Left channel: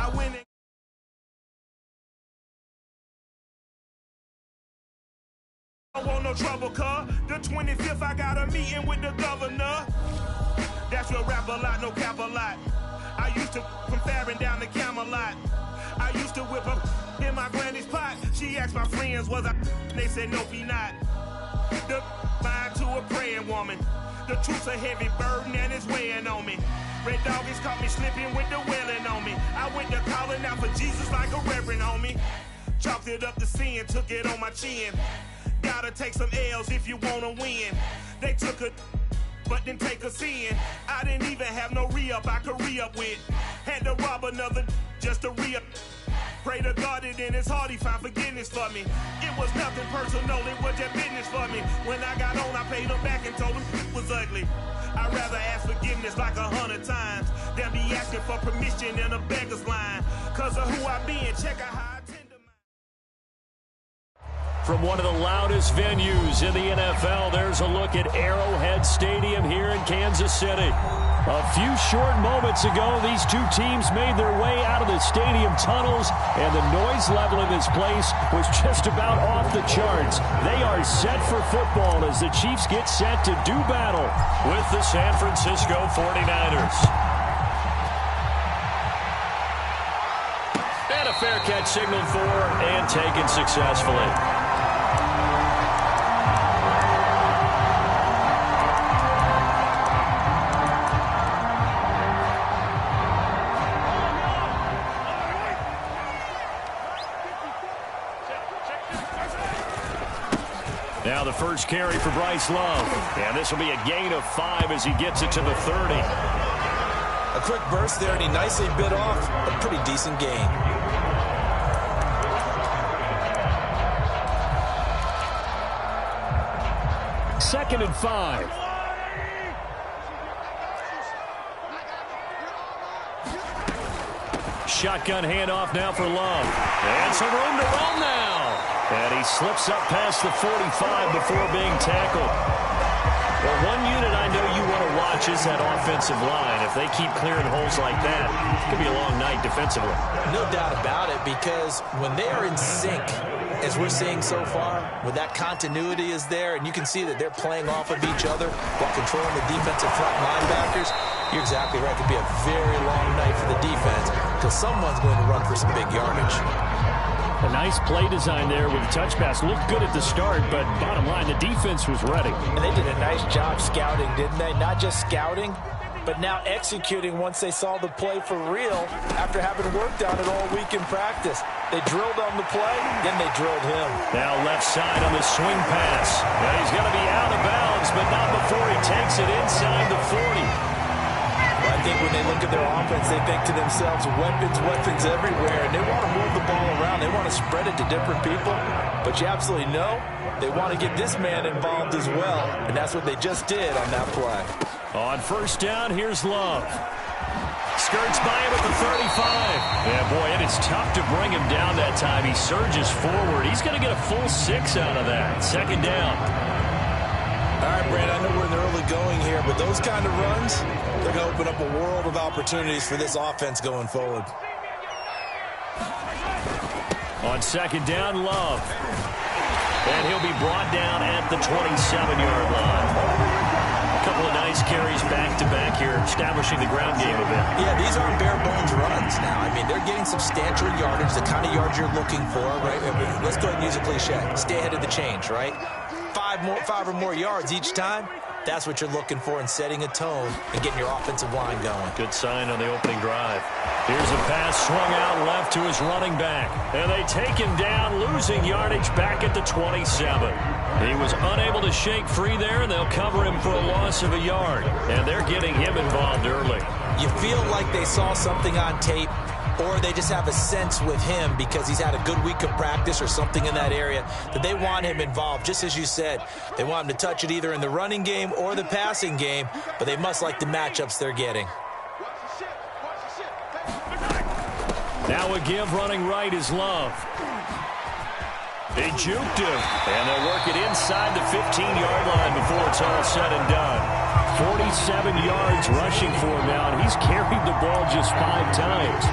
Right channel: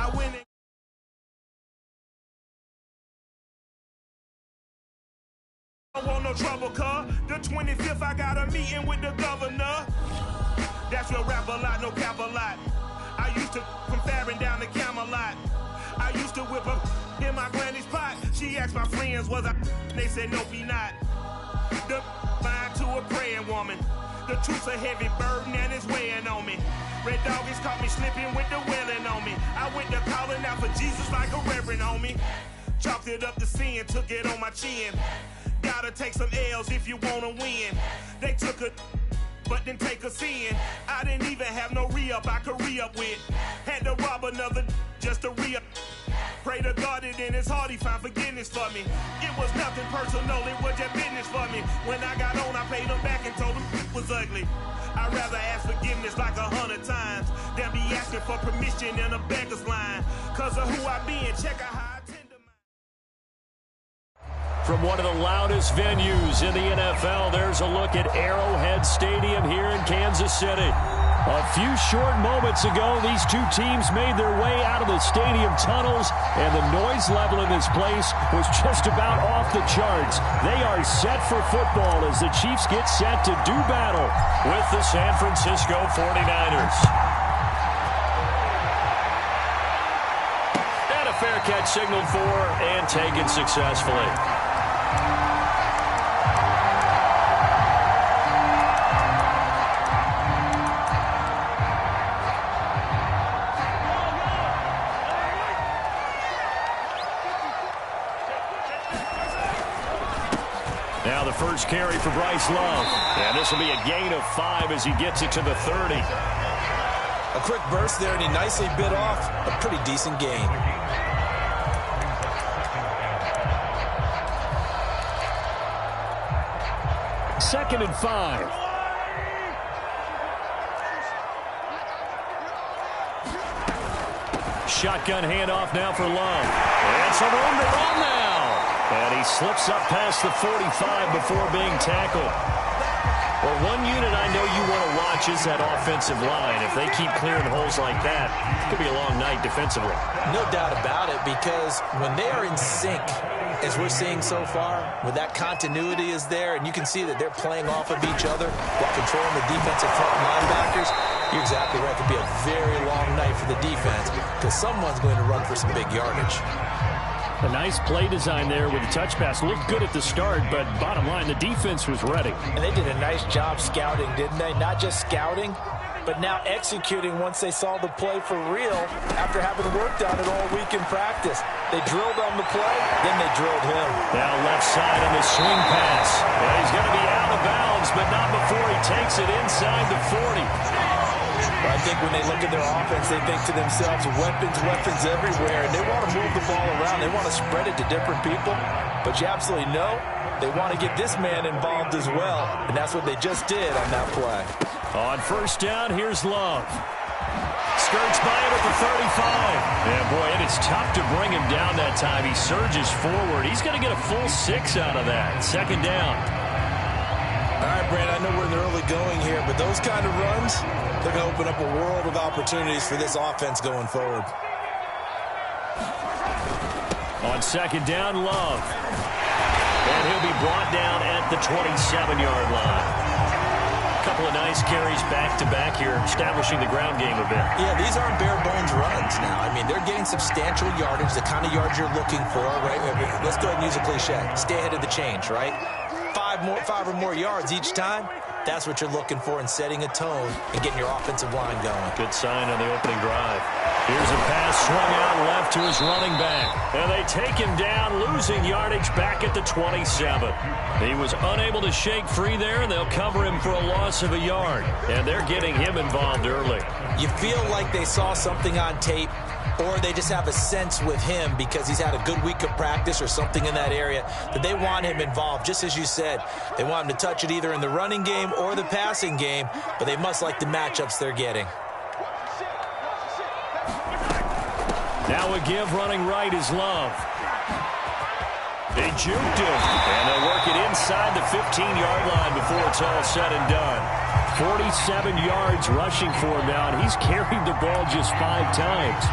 I went and don't want no trouble, cuz. The 25th, I got a meeting with the governor. That's real rap a lot, no cap a lot. I used to from Farron down to Camelot. I used to whip up in my granny's pot. She asked my friends, was I? They said, nope, he not. The line to a praying woman. The truth's a heavy burden and it's weighing on me. Red Doggies caught me slipping with the wailing on me. I went to calling out for Jesus like a reverend on me. Chalked it up to sin, took it on my chin. Gotta take some L's if you wanna win. They took a but didn't take a sin. I didn't even have no re-up I could re-up with. Had to rob another just to re-up. Pray to God that in his heart he found forgiveness for me. It was nothing personal, it was just business for me. When I got on, I paid him back and told him it was ugly. I'd rather ask forgiveness like 100 times than be asking for permission in a beggar's line. Cause of who I be and check out how I tend to. From one of the loudest venues in the NFL, there's a look at Arrowhead Stadium here in Kansas City. A few short moments ago, these two teams made their way out of the stadium tunnels, and the noise level in this place was just about off the charts. They are set for football as the Chiefs get set to do battle with the San Francisco 49ers. And a fair catch signaled for and taken successfully. Now the first carry for Bryce Love. And this will be a gain of 5 as he gets it to the 30. A quick burst there, and he nicely bit off a pretty decent gain. Second and 5. Shotgun handoff now for Love. And some room to roam now. And he slips up past the 45 before being tackled. Well, one unit I know you want to watch is that offensive line. If they keep clearing holes like that, it could be a long night defensively. No doubt about it, because when they are in sync, as we're seeing so far, when that continuity is there, and you can see that they're playing off of each other while controlling the defensive front linebackers, you're exactly right. It could be a very long night for the defense because someone's going to run for some big yardage. A nice play design there with the touch pass. Looked good at the start, but bottom line, the defense was ready. And they did a nice job scouting, didn't they? Not just scouting, but now executing once they saw the play for real after having worked on it all week in practice. They drilled on the play, then they drilled him. Now left side on the swing pass. And he's going to be out of bounds, but not before he takes it inside the 40. Well, I think when they look at their offense, they think to themselves, weapons, weapons everywhere, and they want to move the ball around. They want to spread it to different people, but you absolutely know they want to get this man involved as well, and that's what they just did on that play. On first down, here's Love. Skirts by him at the 35. Yeah, boy, it is tough to bring him down that time. He surges forward. He's going to get a full 6 out of that. Second down. All right, Brand, I know we're in the early going here, but those kind of runs, they're going to open up a world of opportunities for this offense going forward. On second down, Love. And he'll be brought down at the 27-yard line. A couple of nice carries back-to-back here, establishing the ground game a bit. Yeah, these aren't bare-bones runs now. I mean, they're getting substantial yardage, the kind of yards you're looking for, right? I mean, let's go ahead and use a cliche. Stay ahead of the change, right? 5 or more yards each time. That's what you're looking for in setting a tone and getting your offensive line going. Good sign on the opening drive. Here's a pass swung out left to his running back. And they take him down, losing yardage back at the 27. He was unable to shake free there, and they'll cover him for a loss of a yard. And they're getting him involved early. You feel like they saw something on tape, or they just have a sense with him because he's had a good week of practice or something in that area that they want him involved. Just as you said, they want him to touch it either in the running game or the passing game, but they must like the matchups they're getting. Now a give running right is Love. They juked him, and they'll work it inside the 15-yard line before it's all said and done. 47 yards rushing for him now, and he's carried the ball just 5 times.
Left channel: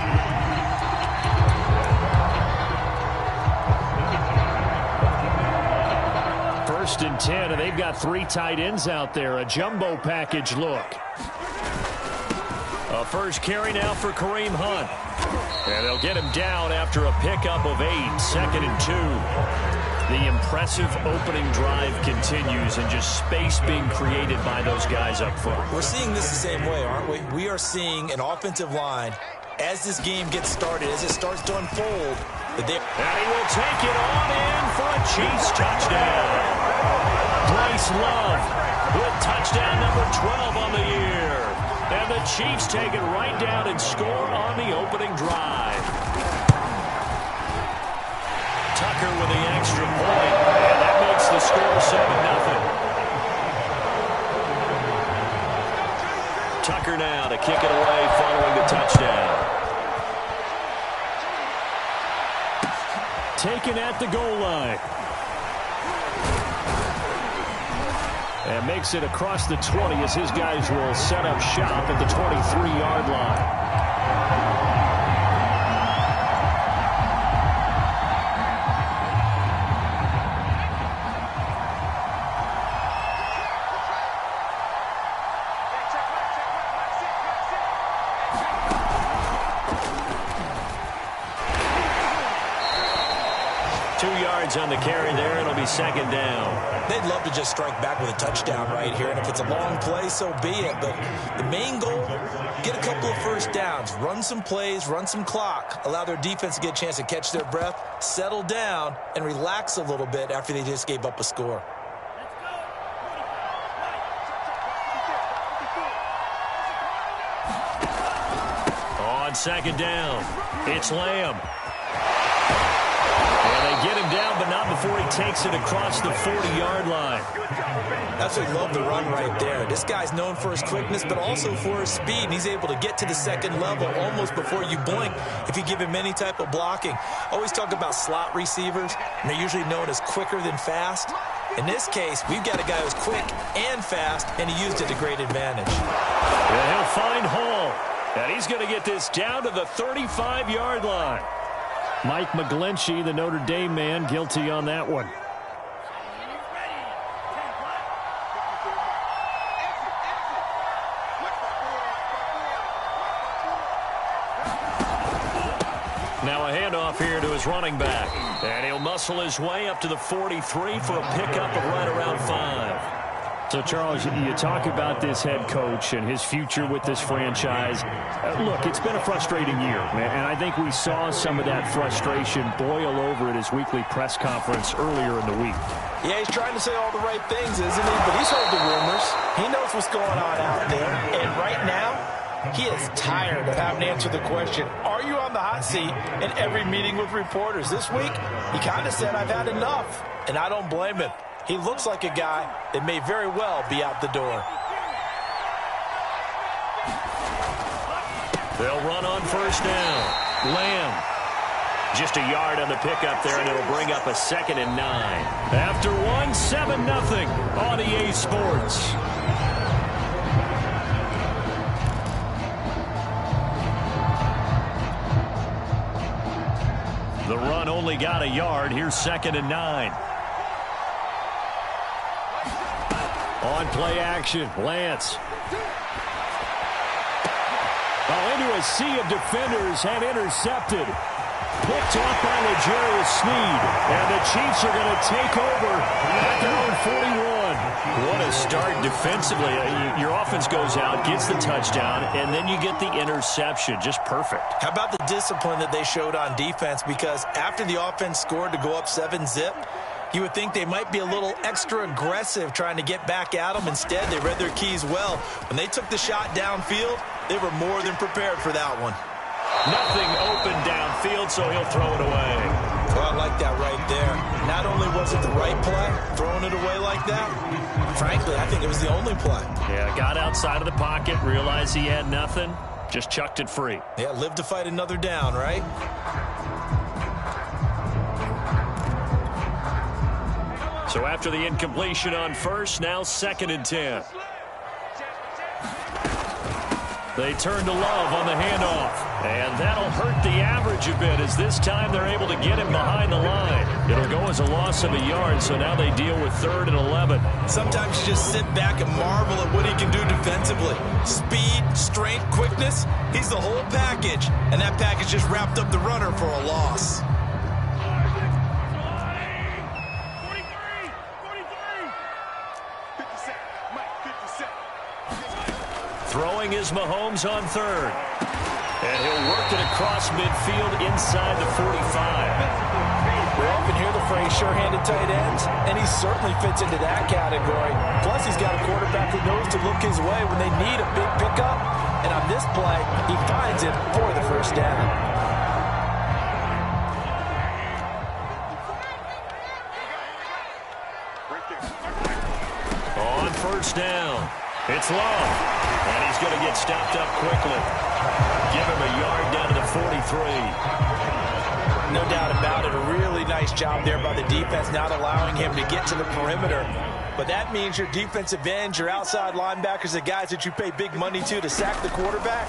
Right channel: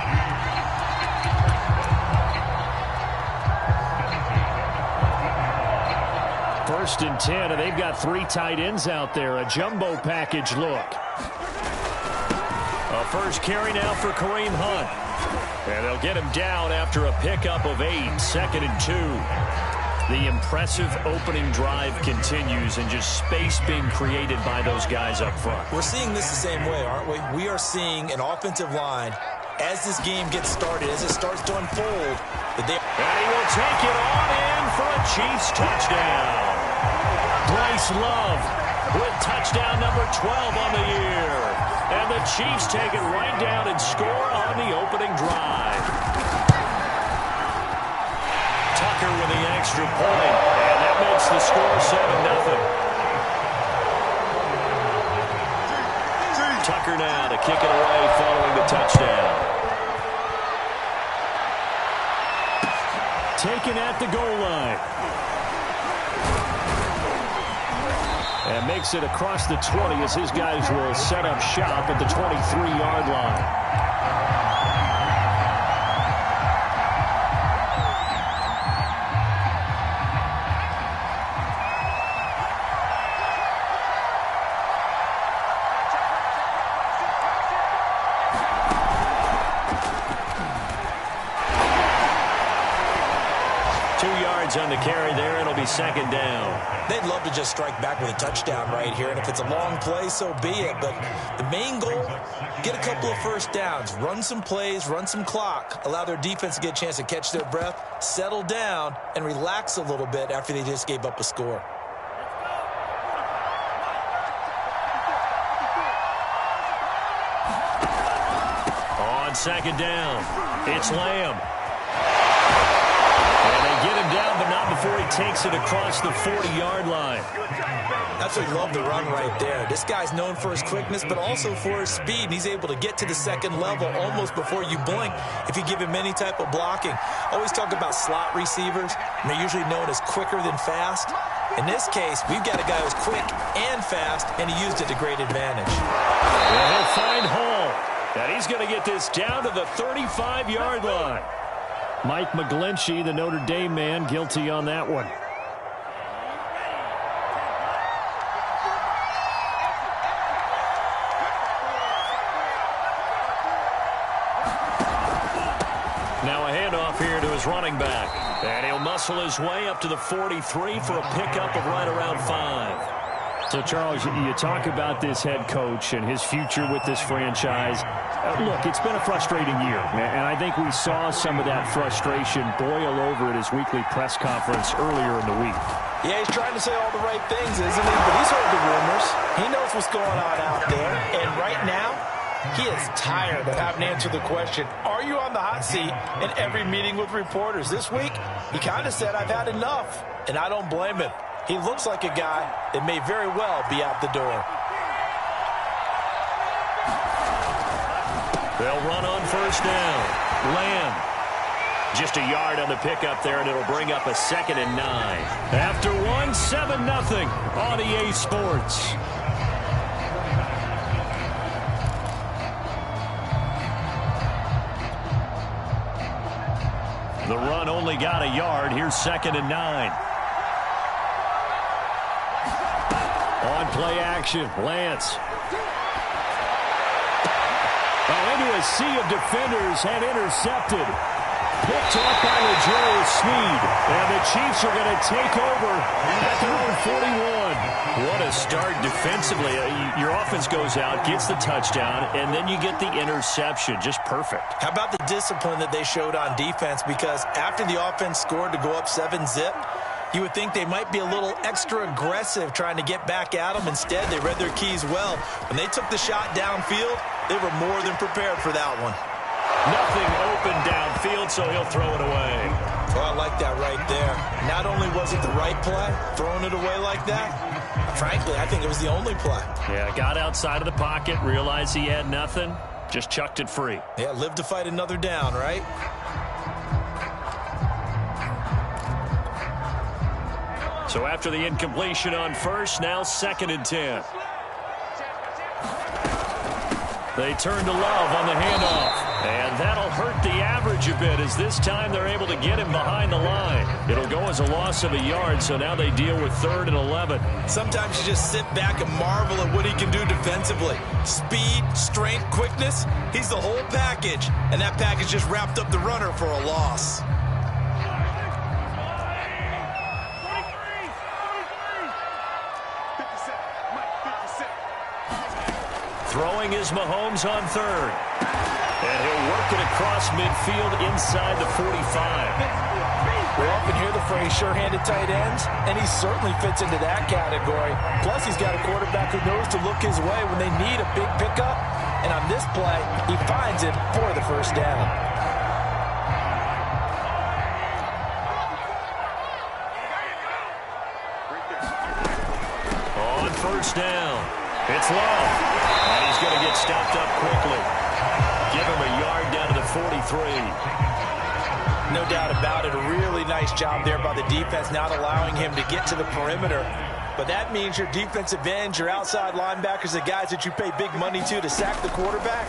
1st and 10, and they've got 3 tight ends out there. A jumbo package look. A first carry now for Kareem Hunt. And they'll get him down after a pickup of 8, 2nd and 2. The impressive opening drive continues, and just space being created by those guys up front. We're seeing this the same way, aren't we? We are seeing an offensive line, as this game gets started, as it starts to unfold, that they... And he will take it on in for a Chiefs touchdown. Bryce Love with touchdown number 12 on the year. And the Chiefs take it right down and score on the opening drive. Tucker with the extra point, and that makes the score 7-0. Tucker now to kick it away following the touchdown. Taken at the goal line. And makes it across the 20 as his guys will set up shop at the 23-yard line. 2 yards on the carry there. It'll be 2nd down. They'd love to just strike back with a touchdown right here, and if it's a long play, so be it. But the main goal, get a couple of first downs, run some plays, run some clock, allow their defense to get a chance to catch their breath, settle down, and relax a little bit after they just gave up a score. On 2nd down, it's Lamb. And they get him down, but not before he takes it across the 40-yard line. Absolutely love the run right there. This guy's known for his quickness, but also for his speed. And he's able to get to the 2nd level almost before you blink if you give him any type of blocking. Always talk about slot receivers, and they're usually known as quicker than fast. In this case, we've got a guy who's quick and fast, and he used it to great advantage. Well, he'll find Hall, and he's going to get this down to the 35-yard line. Mike McGlinchey, the Notre Dame man, guilty on that one. Now a handoff here to his running back. And he'll muscle his way up to the 43 for a pickup of right around 5. So, Charles, you talk about this head coach and his future with this franchise. Look, it's been a frustrating year, and I think we saw some of that frustration boil over at his weekly press conference earlier in the week. Yeah, he's trying to say all the right things, isn't he? But he's heard the rumors. He knows what's going on out there. And right now, he is tired of having to answer the question, are you on the hot seat in every meeting with reporters? This week, he kind of said, I've had enough. And I don't blame him. He looks like a guy that may very well be out the door. They'll run on 1st down. Lamb. Just a yard on the pickup there, and it'll bring up a 2nd and 9. After 1, 7-0 on EA Sports. The run only got a yard. Here's 2nd and 9. On play action, Lance. Oh, into a sea of defenders and intercepted. Picked off by L'Jarius Sneed. And the Chiefs are going to take over at their own 41. What a start defensively. Your offense goes out, gets the touchdown, and then you get the interception. Just perfect. How about the discipline that they showed on defense? Because after the offense scored to go up 7-zip, you would think they might be a little extra aggressive trying to get back at them. Instead, they read their keys well. When they took the shot downfield, they were more than prepared for that one. Nothing open downfield, so he'll throw it away. Well, I like that right there. Not only was it the right play, throwing it away like that, frankly, I think it was the only play. Yeah, got outside of the pocket, realized he had nothing, just chucked it free. Yeah, live to fight another down, right? So after the incompletion on 1st, now 2nd and 10. They turn to Love on the handoff. And that'll hurt the average a bit, as this time they're able to get him behind the line. It'll go as a loss of a yard, so now they deal with 3rd and 11. Sometimes you just sit back and marvel at what he can do defensively. Speed, strength, quickness, he's the whole package. And that package just wrapped up the runner for a loss. Throwing is Mahomes on 3rd. And he'll work it across midfield inside the 45. We often hear the phrase sure-handed tight ends, and he certainly fits into that category. Plus, he's got a quarterback who knows to look his way when they need a big pickup. And on this play, he finds it for the first down. On first down, it's Love. And he's going to get stopped up quickly. Give him a yard down to the 43. No doubt about it. A really nice job there by the defense, not allowing him to get to the perimeter. But that means your defensive ends, your outside linebackers, the guys that you pay big money to sack the quarterback,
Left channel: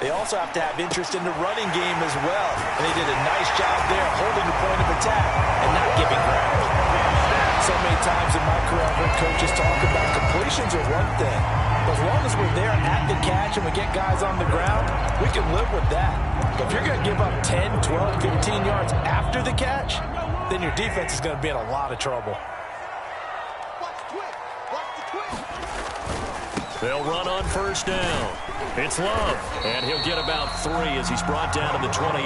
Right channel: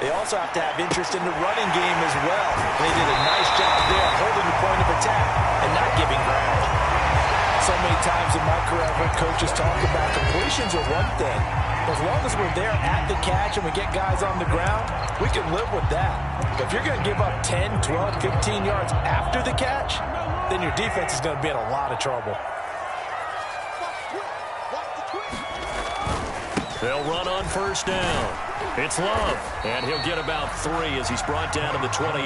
they also have to have interest in the running game as well. And they did a nice job there holding the point of attack and not giving ground. So many times in my career, I've heard coaches talk about completions are one thing. As long as we're there at the catch and we get guys on the ground, we can live with that. But if you're going to give up 10, 12, 15 yards after the catch, then your defense is going to be in a lot of trouble. They'll run on first down. It's Love, and he'll get about 3 as he's brought down to the 28.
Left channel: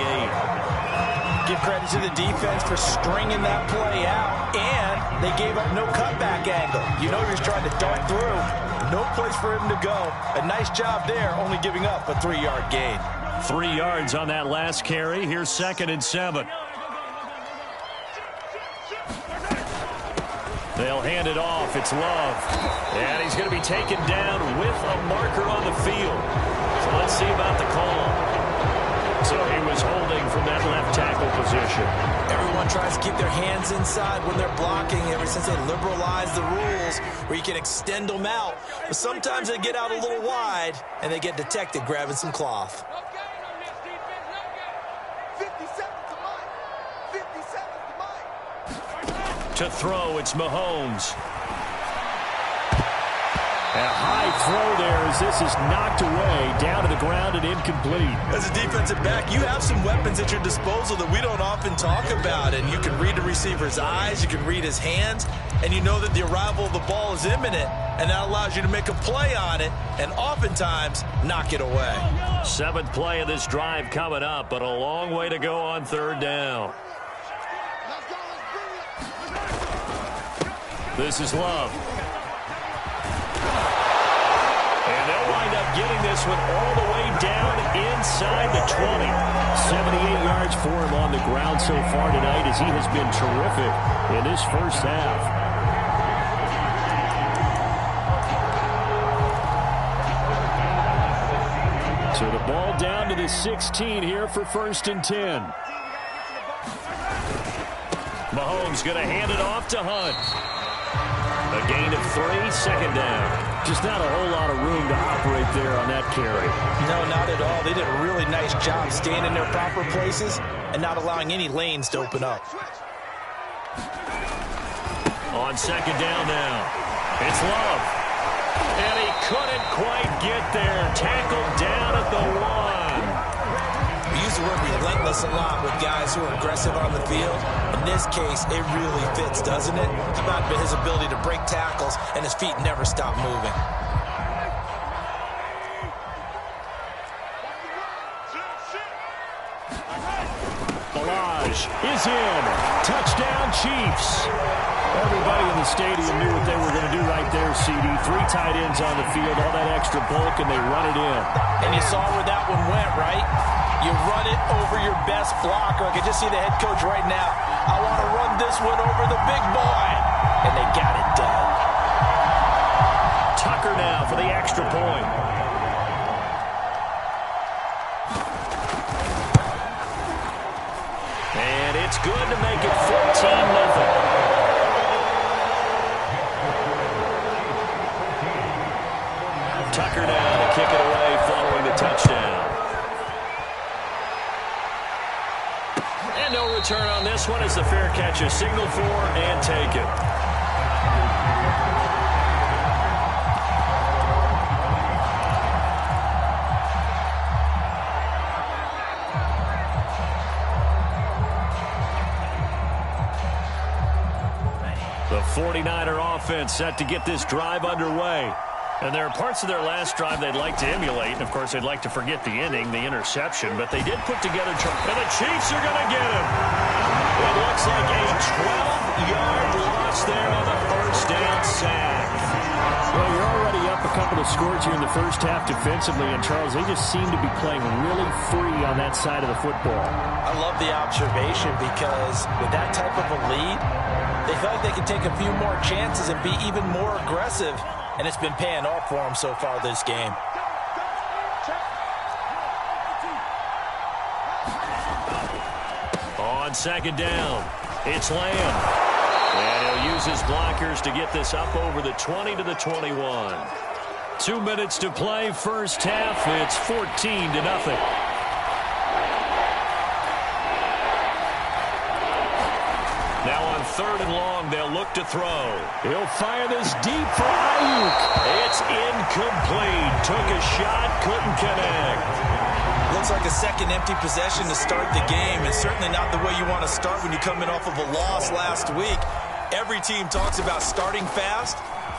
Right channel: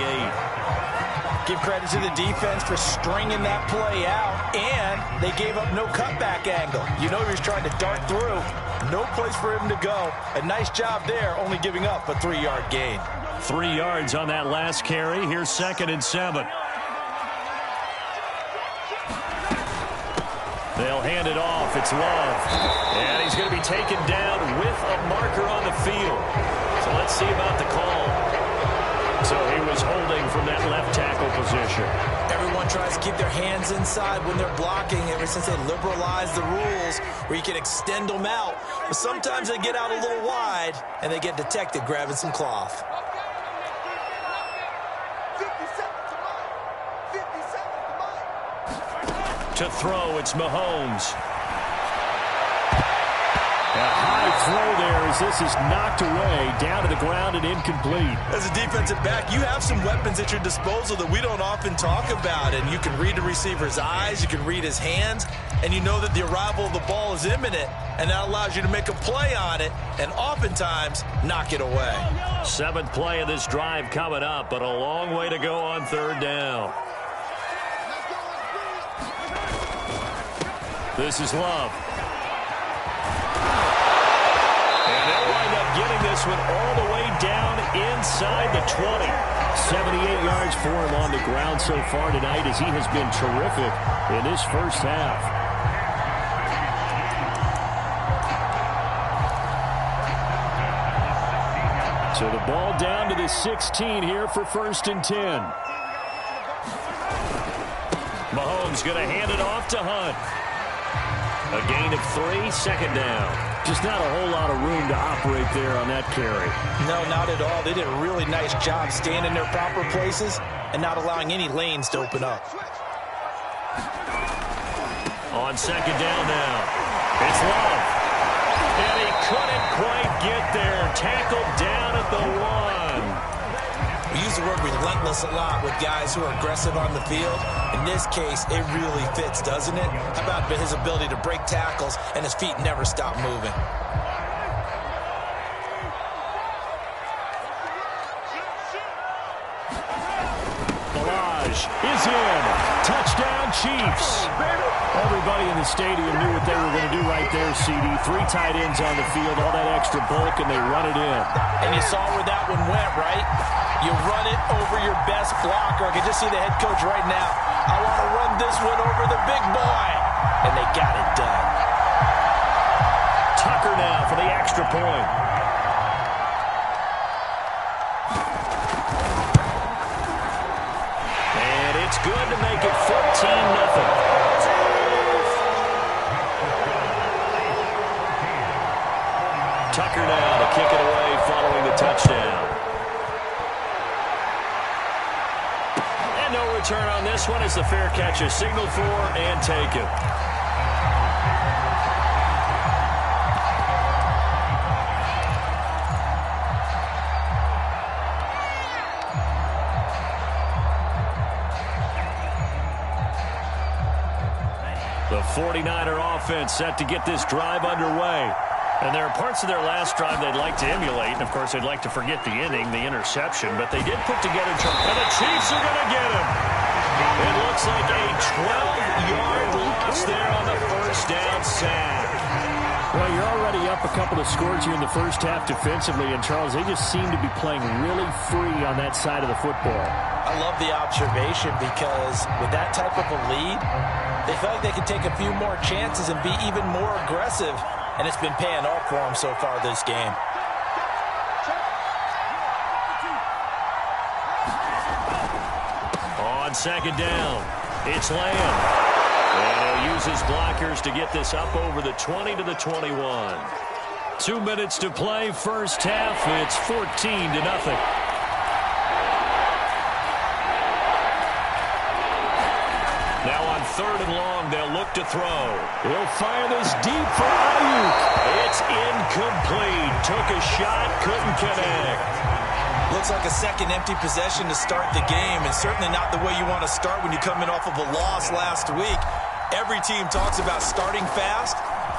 Give credit to the defense for stringing that play out, and they gave up no cutback angle. You know he was trying to dart through. No place for him to go. A nice job there, only giving up a 3-yard gain. 3 yards on that last carry. Here's 2nd and 7. They'll hand it off. It's Love. And he's going to be taken down with a marker on the field. So let's see about the call. So he was holding from that left tackle position. Everyone tries to keep their hands inside when they're blocking ever since they liberalized the rules where you can extend them out. But sometimes they get out a little wide and they get detected grabbing some cloth. To throw, it's Mahomes. A high throw there as this is knocked away, down to the ground and incomplete. As a defensive back, you have some weapons at your disposal that we don't often talk about. And you can read the receiver's eyes, you can read his hands, and you know that the arrival of the ball is imminent. And that allows you to make a play on it and oftentimes knock it away. 7th play of this drive coming up, but a long way to go on 3rd down. This is Love. And they'll wind up getting this one all the way down inside the 20. 78 yards for him on the ground so far tonight as he has been terrific in this first half. So the ball down to the 16 here for 1st and 10. Mahomes going to hand it off to Hunt. A gain of 3, 2nd down. Just not a whole lot of room to operate there on that carry. No, not at all. They did a really nice job staying in their proper places and not allowing any lanes to open up. On 2nd down now, it's Love. And he couldn't quite get there. Tackled down at the 1. We use the word relentless a lot with guys who are aggressive on the field. In this case, it really fits, doesn't it? How about his ability to break tackles and his feet never stop moving? Barrage is in. Touchdown, Chiefs. Everybody in the stadium knew what they were going to do right there, CD. 3 tight ends on the field, all that extra bulk, and they run it in. And you saw where that one went, right? You run it over your best blocker. I can just see the head coach right now. I want to run this one over the big boy. And they got it done. Tucker now for the extra point. And it's good to make it 14-0. Tucker now to kick it away following the touchdown. And no return on this one as the fair catch is signaled for and taken. The 49er offense set to get this drive underway. And there are parts of their last drive they'd like to emulate. And, of course, they'd like to forget the inning, the interception. But they did put together trouble. And the Chiefs are going to get him. It looks like a 12-yard loss there on the first down sack. Well, you're already up a couple of scores here in the first half defensively. And, Charles, they just seem to be playing really free on that side of the football. I love the observation because with that type of a lead, they feel like they can take a few more chances and be even more aggressive. And it's been paying off for them so far this game. On second down, it's Lamb. And he'll use his blockers to get this up over the 20 to the 21. 2 minutes to play, first half. It's 14-0. Now on third and long, they'll look to throw. He'll fire this deep for Ayuk. It's incomplete. Took a shot, couldn't connect. Looks like a second empty possession to start the game, and certainly not the way you want to start when you come in off of a loss last week. Every team talks about starting fast.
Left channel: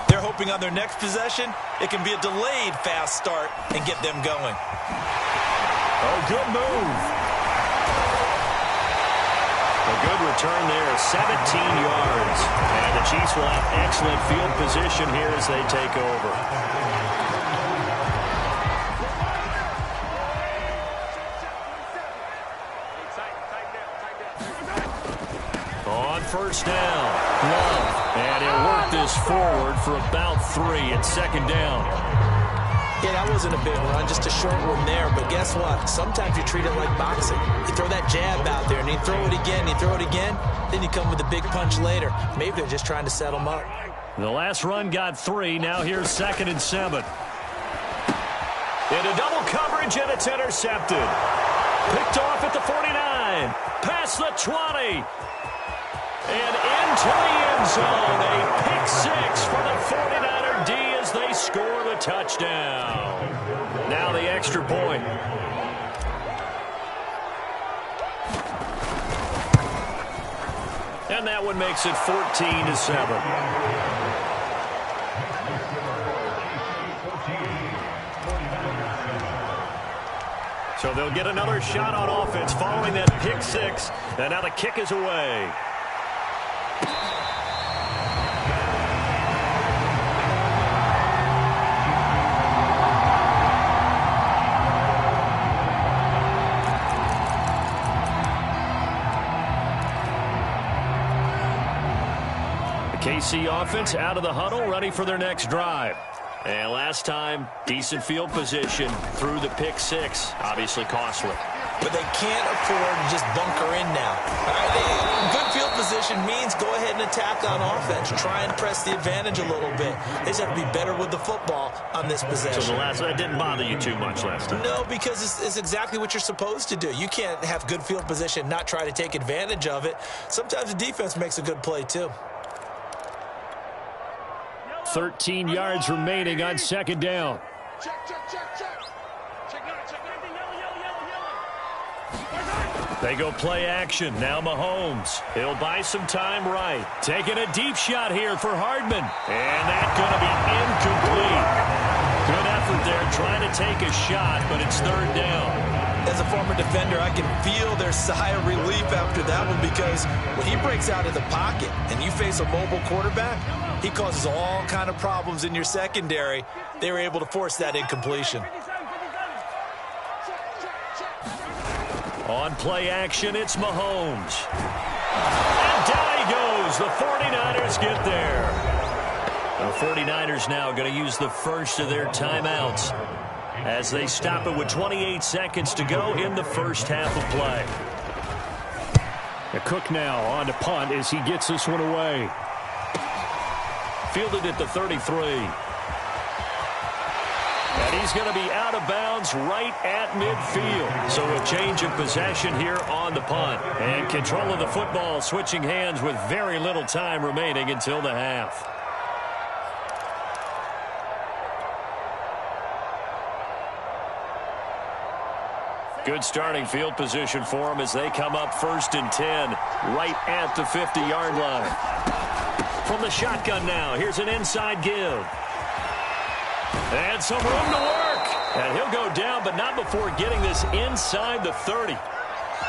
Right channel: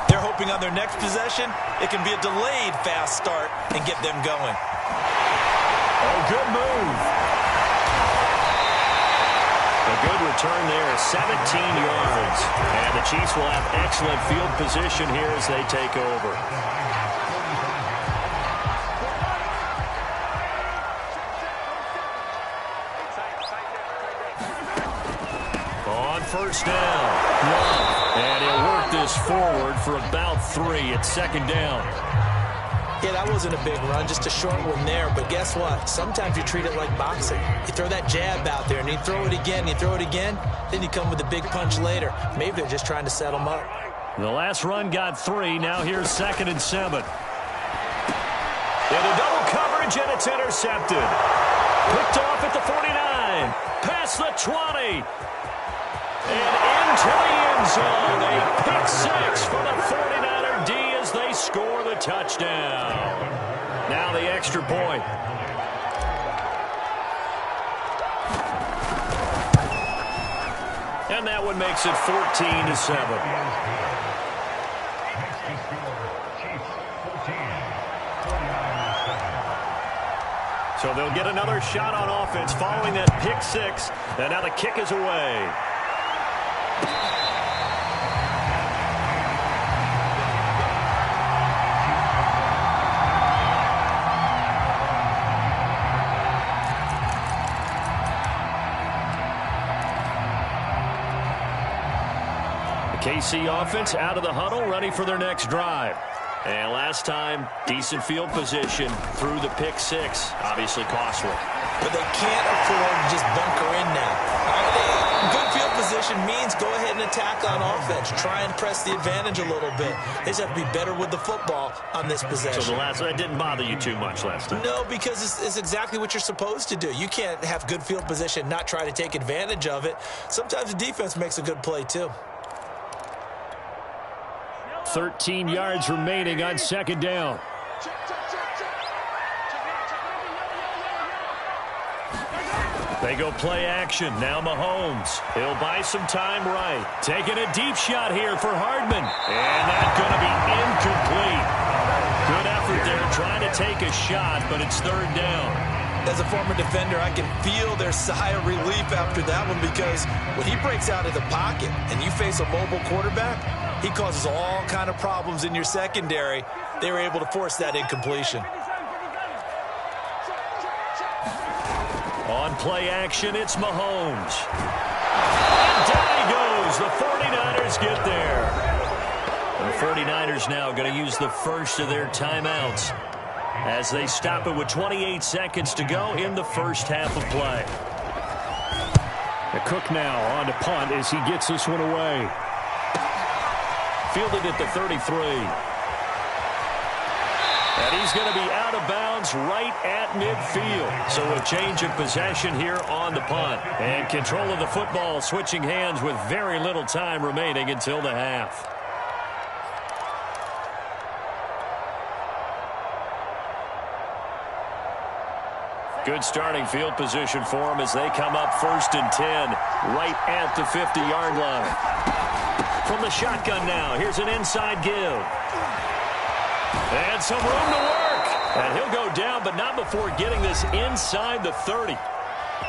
They're hoping on their next possession, it can be a delayed fast start and get them going. Oh, good move. A good return there, 17 yards. And the Chiefs will have excellent field position here as they take over. On first down, Love. And he'll work this forward for about 3 at second down. Yeah, that wasn't a big run, just a short one there. But guess what? Sometimes you treat it like boxing. You throw that jab out there, and you throw it again, you throw it again, then you come with a big punch later. Maybe they're just trying to set them up. The last run got 3. Now here's 2nd and 7. Into double coverage, and it's intercepted. Picked off at the 49. Past the 20. And into the end zone. A pick 6 for the 49er D as they score the touchdown. Now the extra point. And that one makes it 14-7. So they'll get another shot on offense following that pick 6. And now the kick is away. KC offense out of the huddle, ready for their next drive. And last time, decent field position through the pick 6. Obviously costly. But they can't afford to just bunker in now. All right, good field position means go ahead and attack on offense. Try and press the advantage a little bit. They just have to be better with the football on this possession. So that didn't bother you too much last time? No, because it's exactly what you're supposed to do. You can't have good field position, not try to take advantage of it. Sometimes the defense makes a good play too. 13 yards remaining on second down. They go play action. Now Mahomes. He'll buy some time right. Taking a deep shot here for Hardman. And that's going to be incomplete. Good effort there trying to take a shot, but it's third down. As a former defender, I can feel their sigh of relief after that one because when he breaks out of the pocket and you face a mobile quarterback, he causes all kind of problems in your secondary. They were able to force that incompletion. On play action, it's Mahomes. And down he goes. The 49ers get there. The 49ers now going to use the first of their timeouts as they stop it with 28 seconds to go in the first half of play. Cook now on to punt as he gets this one away. Fielded at the 33. And he's going to be out of bounds right at midfield. So a change of possession here on the punt. And control of the football switching hands with very little time remaining until the half. Good starting field position for them as they come up 1st and 10 right at the 50-yard line. From the shotgun now, here's an inside give. And some room to work. And he'll go down, but not before getting this inside the 30.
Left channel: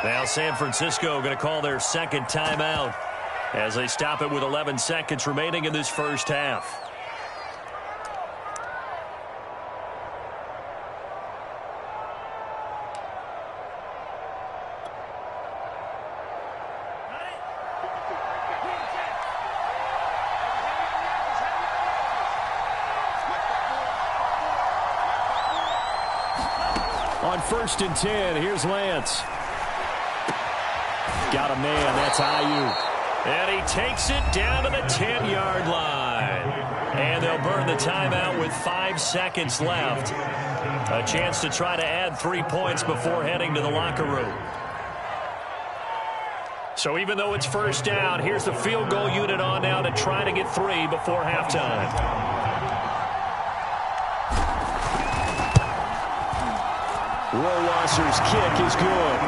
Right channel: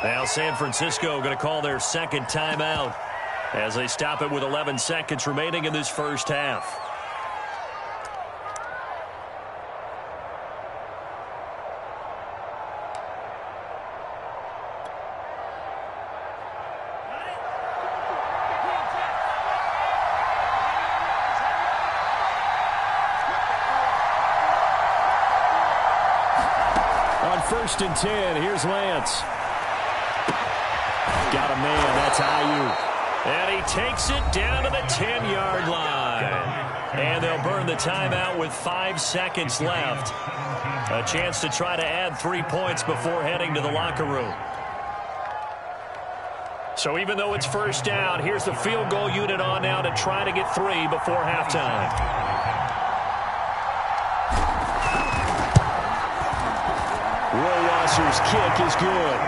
Now San Francisco going to call their second timeout as they stop it with 11 seconds remaining in this first half. On 1st and 10, here's Lance. Got a man, that's Ayuk. And he takes it down to the 10-yard line. And they'll burn the timeout with 5 seconds left. A chance to try to add 3 points before heading to the locker room. So even though it's first down, here's the field goal unit on now to try to get 3 before halftime. Rohrwasser's kick is good.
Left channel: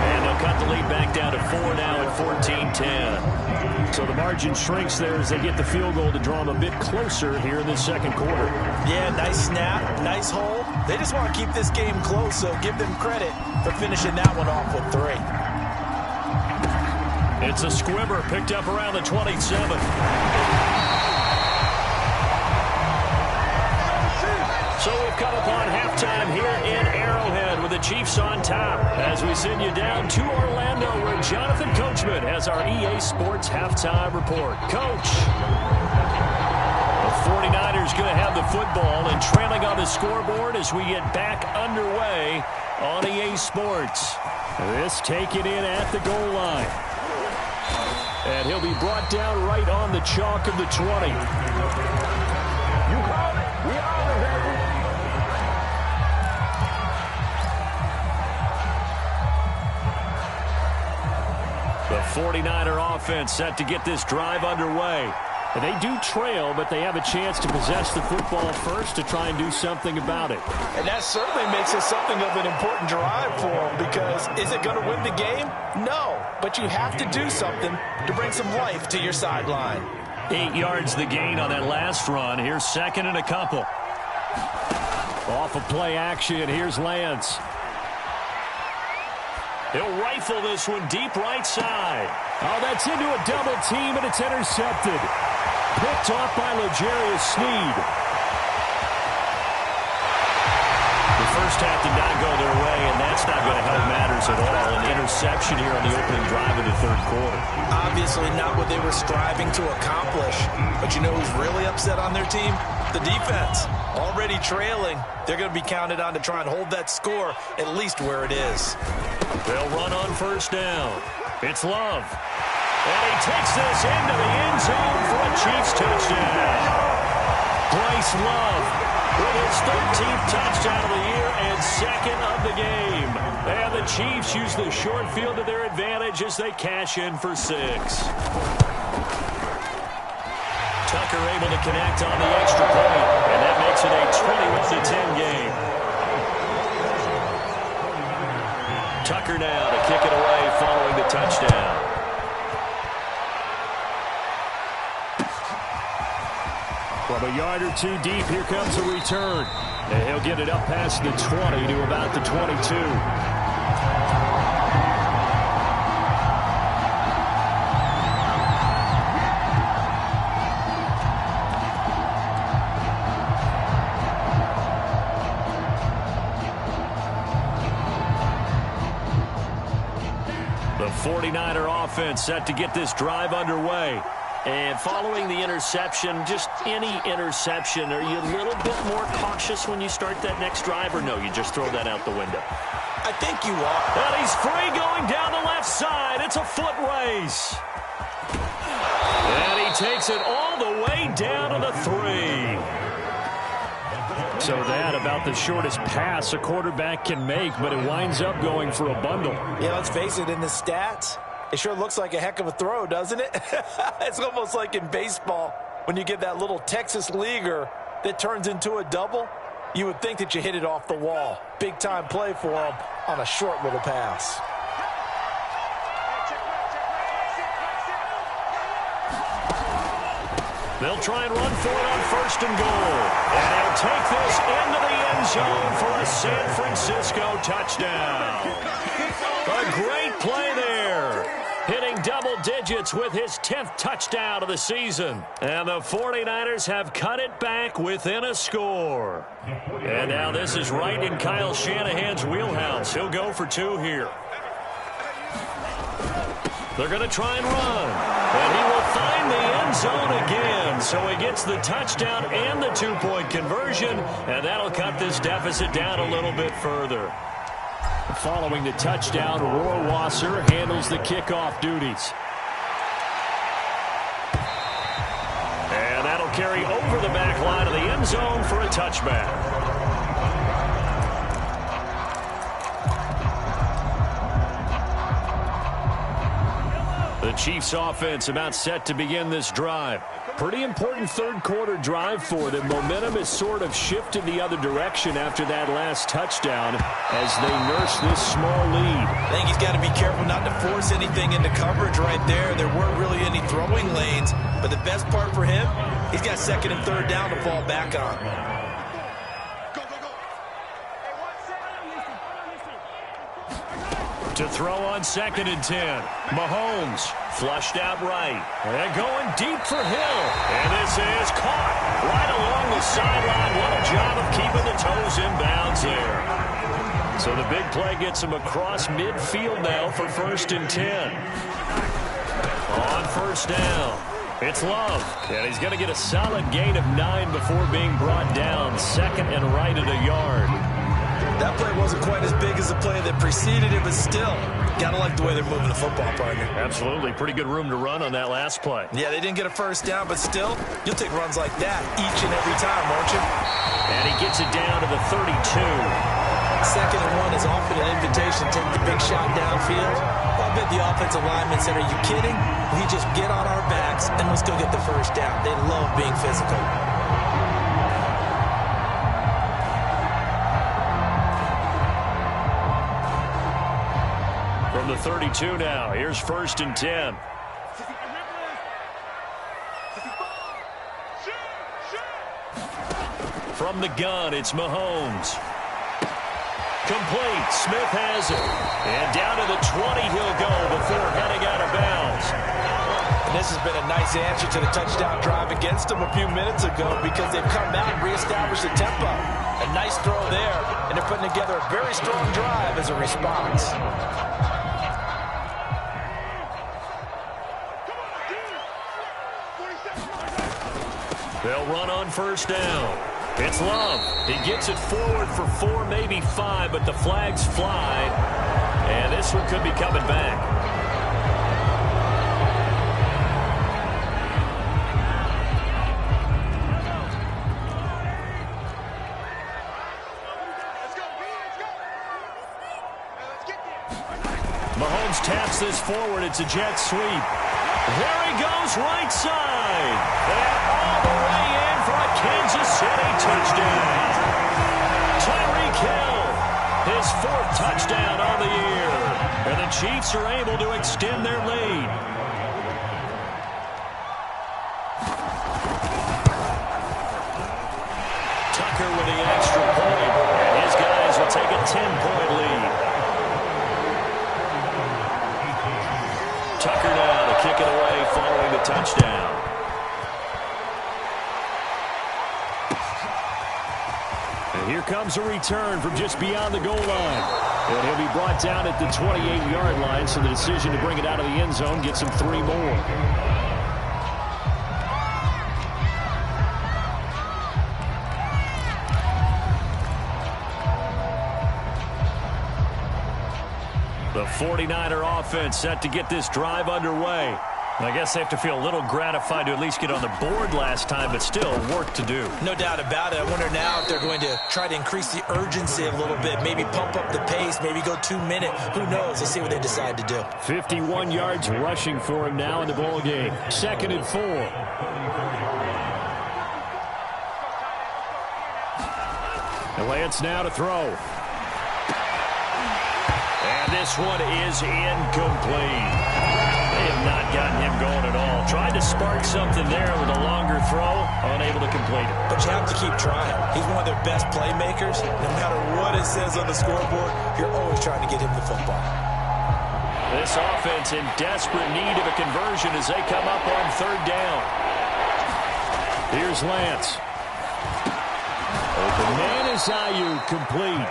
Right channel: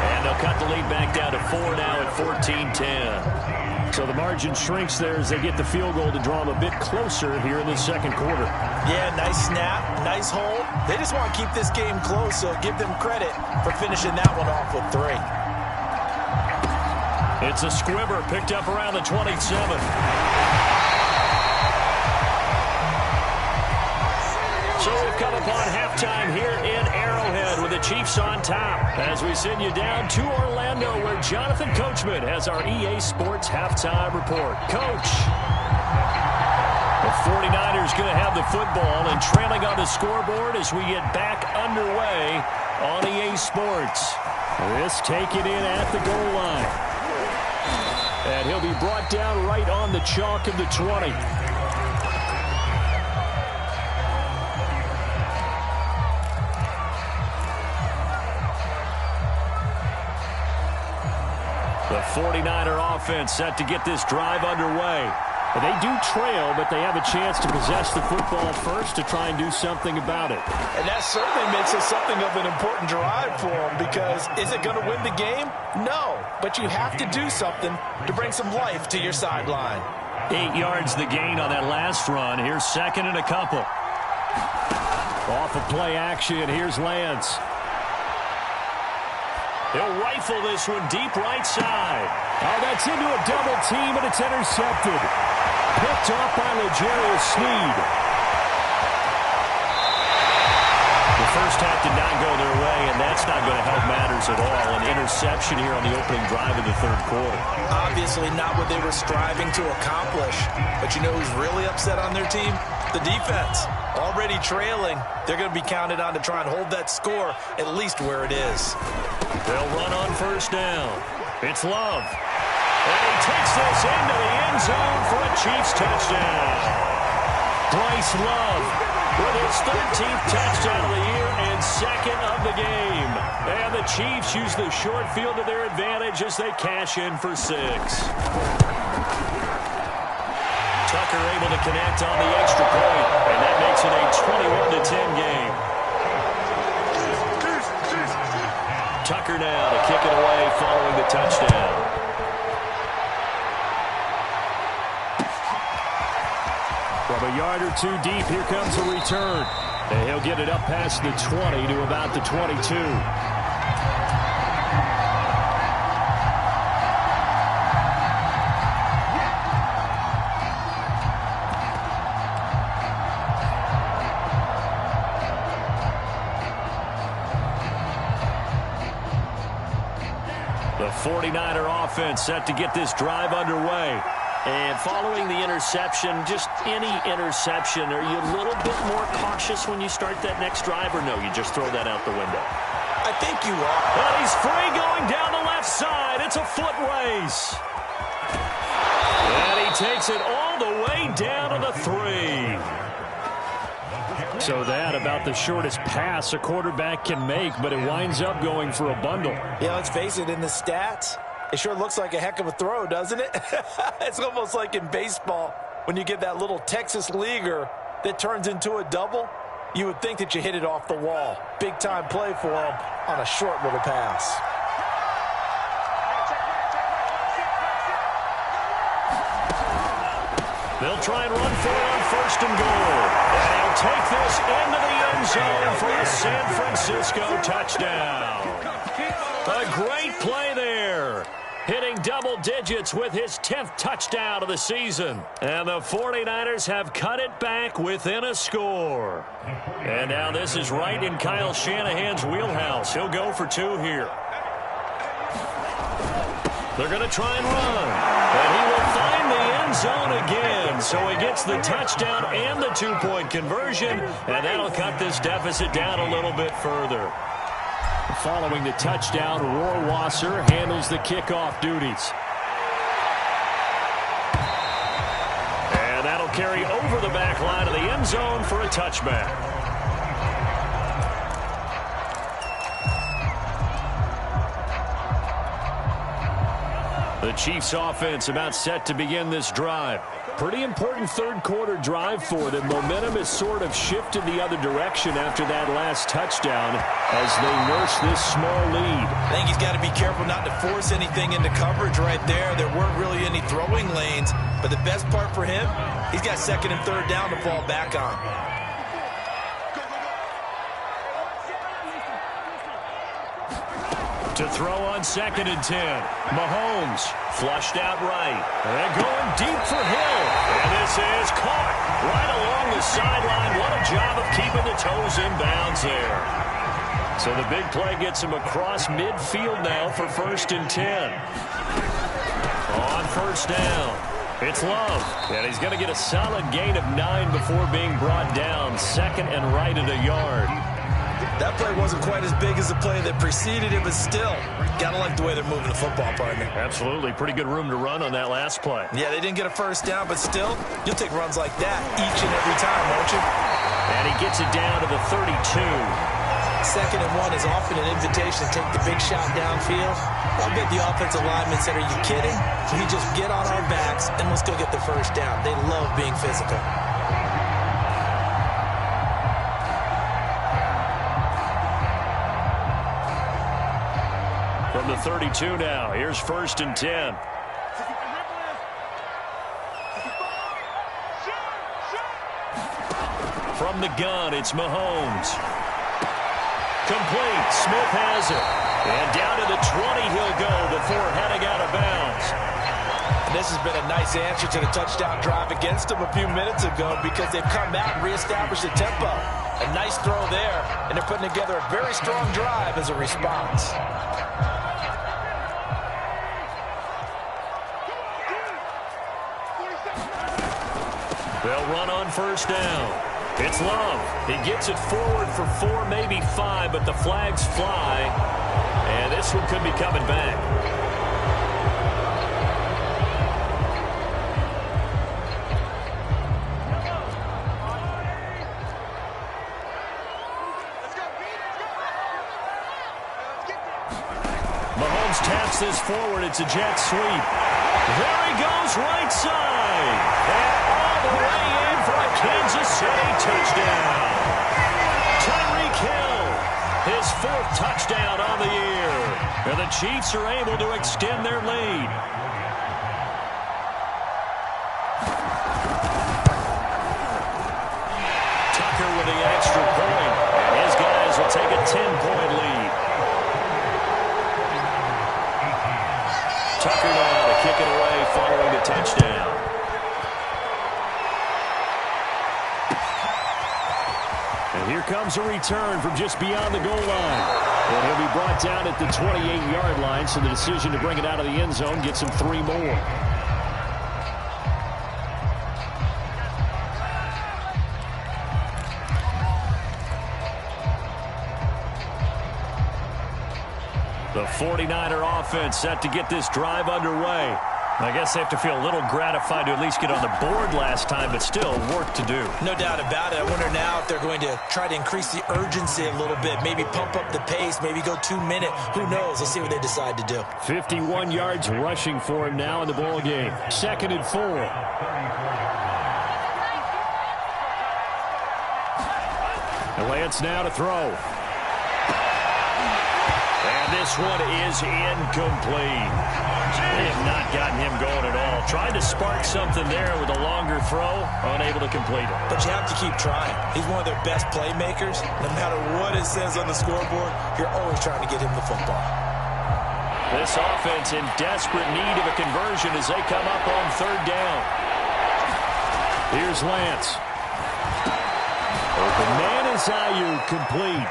And they'll cut the lead back down to 4 now at 14-10. So the margin shrinks there as they get the field goal to draw them a bit closer here in the second quarter. Yeah, nice snap, nice hold. They just want to keep this game close, so give them credit for finishing that one off with 3. It's a squibber picked up around the 27. So we've come upon halftime here in Arrowhead with the Chiefs on top as we send you down to Orlando where Jonathan Coachman has our EA Sports halftime report. Coach, the 49ers going to have the football and trailing on the scoreboard as we get back underway on EA Sports. This taken in at the goal line. And he'll be brought down right on the chalk of the 20. The 49er offense set to get this drive underway. And they do trail, but they have a chance to possess the football first to try and do something about it. And that certainly makes it something of an important drive for them because is it going to win the game? No, but you have to do something to bring some life to your sideline. 8 yards the gain on that last run. Here's 2nd and a couple. Off of play action, here's Lance. He'll rifle this one deep right side. Oh, that's into a double team, and it's intercepted. Picked off by L'Jarius Sneed. The first half did not go their way, and that's not going to help matters at all. An interception here on the opening drive of the third quarter. Obviously not what they were striving to accomplish. But you know who's really upset on their team? The defense. Already trailing. They're going to be counted on to try and hold that score at least where it is. They'll run on first down. It's Love. And he takes this into the end zone for a Chiefs touchdown. Bryce Love with his 13th touchdown of the year and 2nd of the game. And the Chiefs use the short field to their advantage as they cash in for 6. Tucker able to connect on the extra point, and that makes it a 21-10 game. Tucker now to kick it away following the touchdown. From a yard or 2 deep, here comes a return. And he'll get it up past the 20 to about the 22. The 49er offense set to get this drive underway. And following the interception, just any interception, are you a little bit more cautious when you start that next drive, or no, you just throw that out the window? I think you are. And he's free going down the left side. It's a foot race. And he takes it all the way down to the 3. So that about the shortest pass a quarterback can make, but it winds up going for a bundle. Yeah, let's face it, in the stats, it sure looks like a heck of a throw, doesn't it? It's almost like in baseball when you get that little Texas leaguer that turns into a double. You would think that you hit it off the wall. Big-time play for him on a short little pass. They'll try and run for it on 1st and goal. And he'll take this into the end zone for a San Francisco touchdown. A great play there. Hitting double digits with his 10th touchdown of the season. And the 49ers have cut it back within a score. And now this is right in Kyle Shanahan's wheelhouse. He'll go for 2 here. They're going to try and run. And he will find the end zone again. So he gets the touchdown and the 2-point conversion. And that'll cut this deficit down a little bit further. Following the touchdown, Rohrwasser handles the kickoff duties. And that'll carry over the back line of the end zone for a touchback. The Chiefs offense about set to begin this drive. Pretty important third quarter drive for them. Momentum has sort of shifted the other direction after that last touchdown as they nurse this small lead. I think he's got to be careful not to force anything into coverage right there. There weren't really any throwing lanes, but the best part for him, he's got 2nd and 3rd down to fall back on. To throw on 2nd and 10. Mahomes flushed out right. And going deep for Hill. And this is caught right along the sideline. What a job of keeping the toes in bounds there. So the big play gets him across midfield now for 1st and 10. On 1st down, it's Love. And he's going to get a solid gain of 9 before being brought down. 2nd and right at a yard. That play wasn't quite as big as the play that preceded it, but still, got to like the way they're moving the football, partner. Absolutely. Pretty good room to run on that last play. Yeah, they didn't get a 1st down, but still, you'll take runs like that each and every time, won't you? And he gets it down to the 32. 2nd and 1 is often an invitation to take the big shot downfield. I bet the offensive lineman said, are you kidding? We just get on our backs and let's go get the 1st down. They love being physical. From the 32 now, here's 1st and 10. From the gun, it's Mahomes. Complete. Smith has it. And down to the 20 he'll go before heading out of bounds. And this has been a nice answer to the touchdown drive against them a few minutes ago because they've come out and reestablished the tempo. A nice throw there, and they're putting together a very strong drive as a response. They'll run on 1st down. It's Love. He gets it forward for 4, maybe 5, but the flags fly. And this one could be coming back. Mahomes taps this forward. It's a jet sweep. There he goes, right side. And all the way in for a Kansas City touchdown. Tyreek Hill, his 4th touchdown on the year. And the Chiefs are able to extend their lead. Tucker with the extra point. And his guys will take a 10-point lead. Tucker now to kick it away following the touchdown. And here comes a return from just beyond the goal line. And he'll be brought down at the 28-yard line, so the decision to bring it out of the end zone gets him 3 more. The 49er offense set to get this drive underway. I guess they have to feel a little gratified to at least get on the board last time, but still work to do. No doubt about it. I wonder now if they're going to try to increase the urgency a little bit, maybe pump up the pace, maybe go 2 minute. Who knows? Let's see what they decide to do. 51 yards rushing for him now in the ball game. 2nd and 4. And Lance now to throw. And this one is incomplete. They have not gotten him going at all. Tried to spark something there with a longer throw, unable to complete it. But you have to keep trying. He's one of their best playmakers. No matter what it says on the scoreboard, you're always trying to get him the football. This offense in desperate need of a conversion as they come up on 3rd down. Here's Lance. Open man is Ayuk, complete.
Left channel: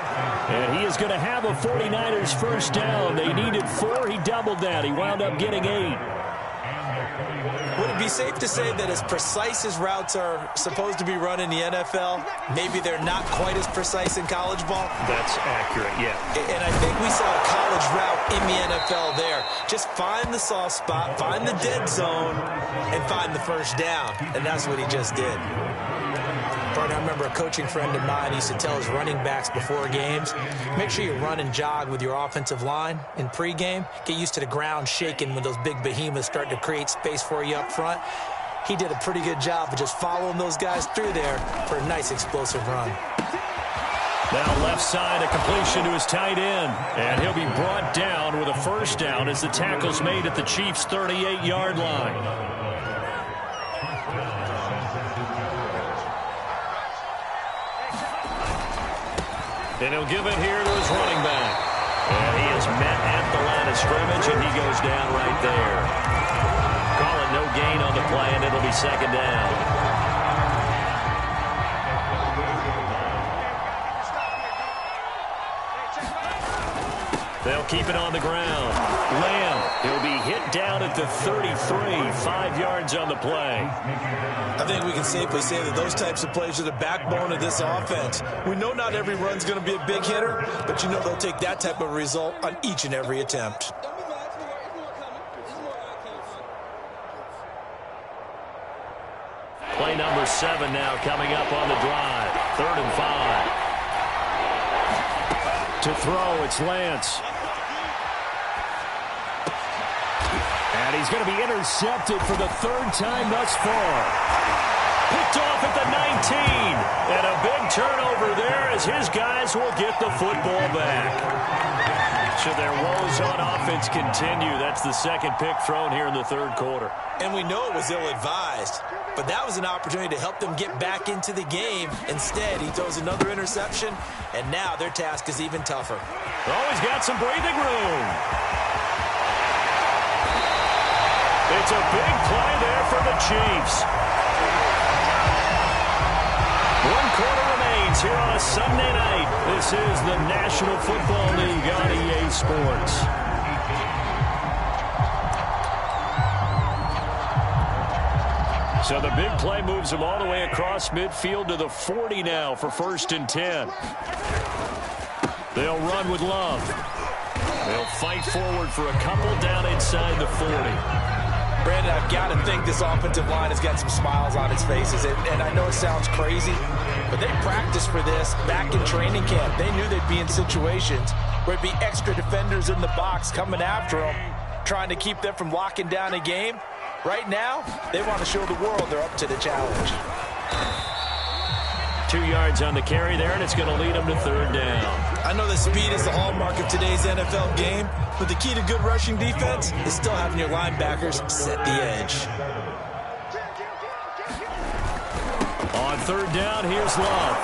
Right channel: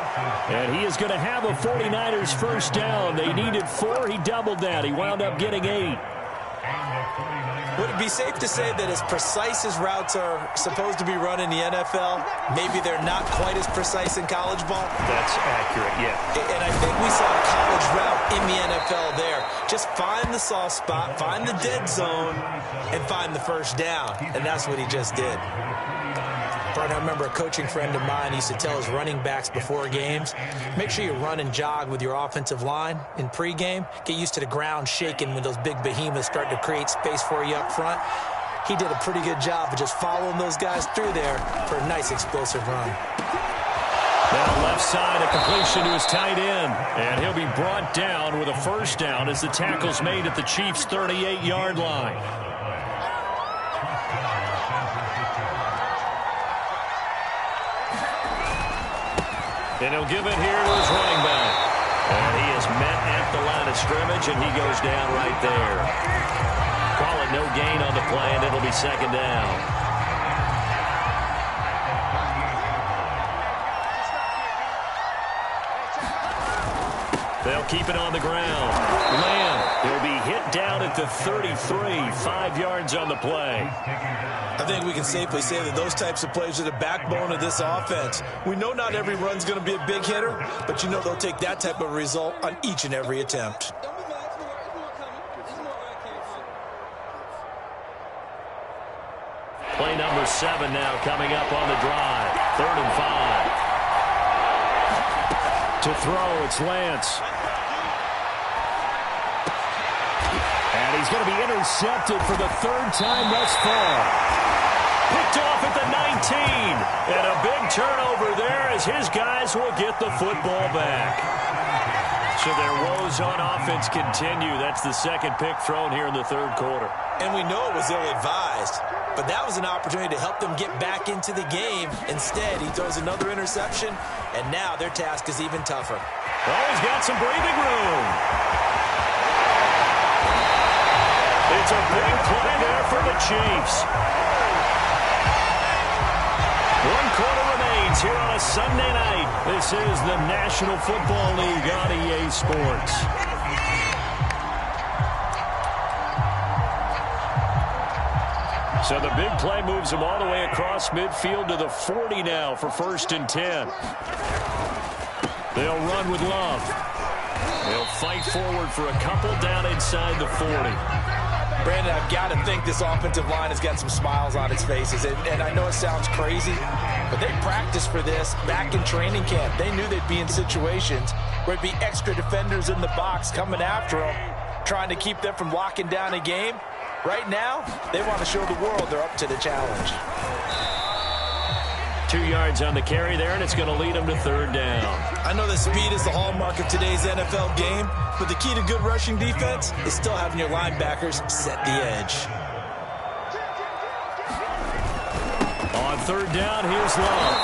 And he is going to have a 49ers first down. They needed 4. He doubled that. He wound up getting 8. Would it be safe to say that as precise as routes are supposed to be run in the NFL, maybe they're not quite as precise in college ball? That's accurate, yeah. And I think we saw a college route in the NFL there. Just find the soft spot, find the dead zone, and find the first down. And that's what he just did. I remember a coaching friend of mine used to tell his running backs before games, make sure you run and jog with your offensive line in pregame. Get used to the ground shaking when those big behemoths start to create space for you up front. He did a pretty good job of just following those guys through there for a nice explosive run. Now left side, a completion to his tight end. And he'll be brought down with a first down as the tackle's made at the Chiefs' 38-yard line. And he'll give it here to his running back. And he is met at the line of scrimmage, and he goes down right there. Call it no gain on the play, and it'll be 2nd down. They'll keep it on the ground. Lamb, he'll be hit down at the 33, 5 yards on the play. I think we can safely say that those types of plays are the backbone of this offense. We know not every run's going to be a big hitter, but you know they'll take that type of result on each and every attempt. Play number 7 now coming up on the drive. 3rd and 5. To throw, it's Lance. And he's going to be intercepted for the 3rd time thus far. Picked off at the 19. And a big turnover there as his guys will get the football back. So their woes on offense continue. That's the 2nd pick thrown here in the 3rd quarter. And we know it was ill-advised, but that was an opportunity to help them get back into the game. Instead, he throws another interception, and now their task is even tougher. Oh, he's got some breathing room. It's a big play there for the Chiefs. 1 quarter remains here on a Sunday night. This is the National Football League on EA Sports. So the big play moves them all the way across midfield to the 40 now for 1st and 10. They'll run with Love. They'll fight forward for a couple down inside the 40. Brandon, I've got to think this offensive line has got some smiles on its faces. And I know it sounds crazy, but they practiced for this back in training camp. They knew they'd be in situations where it'd be extra defenders in the box coming after them, trying to keep them from locking down a game. Right now, they want to show the world they're up to the challenge. 2 yards on the carry there, and it's going to lead them to 3rd down. I know that speed is the hallmark of today's NFL game, but the key to good rushing defense is still having your linebackers set the edge. On 3rd down, here's Love.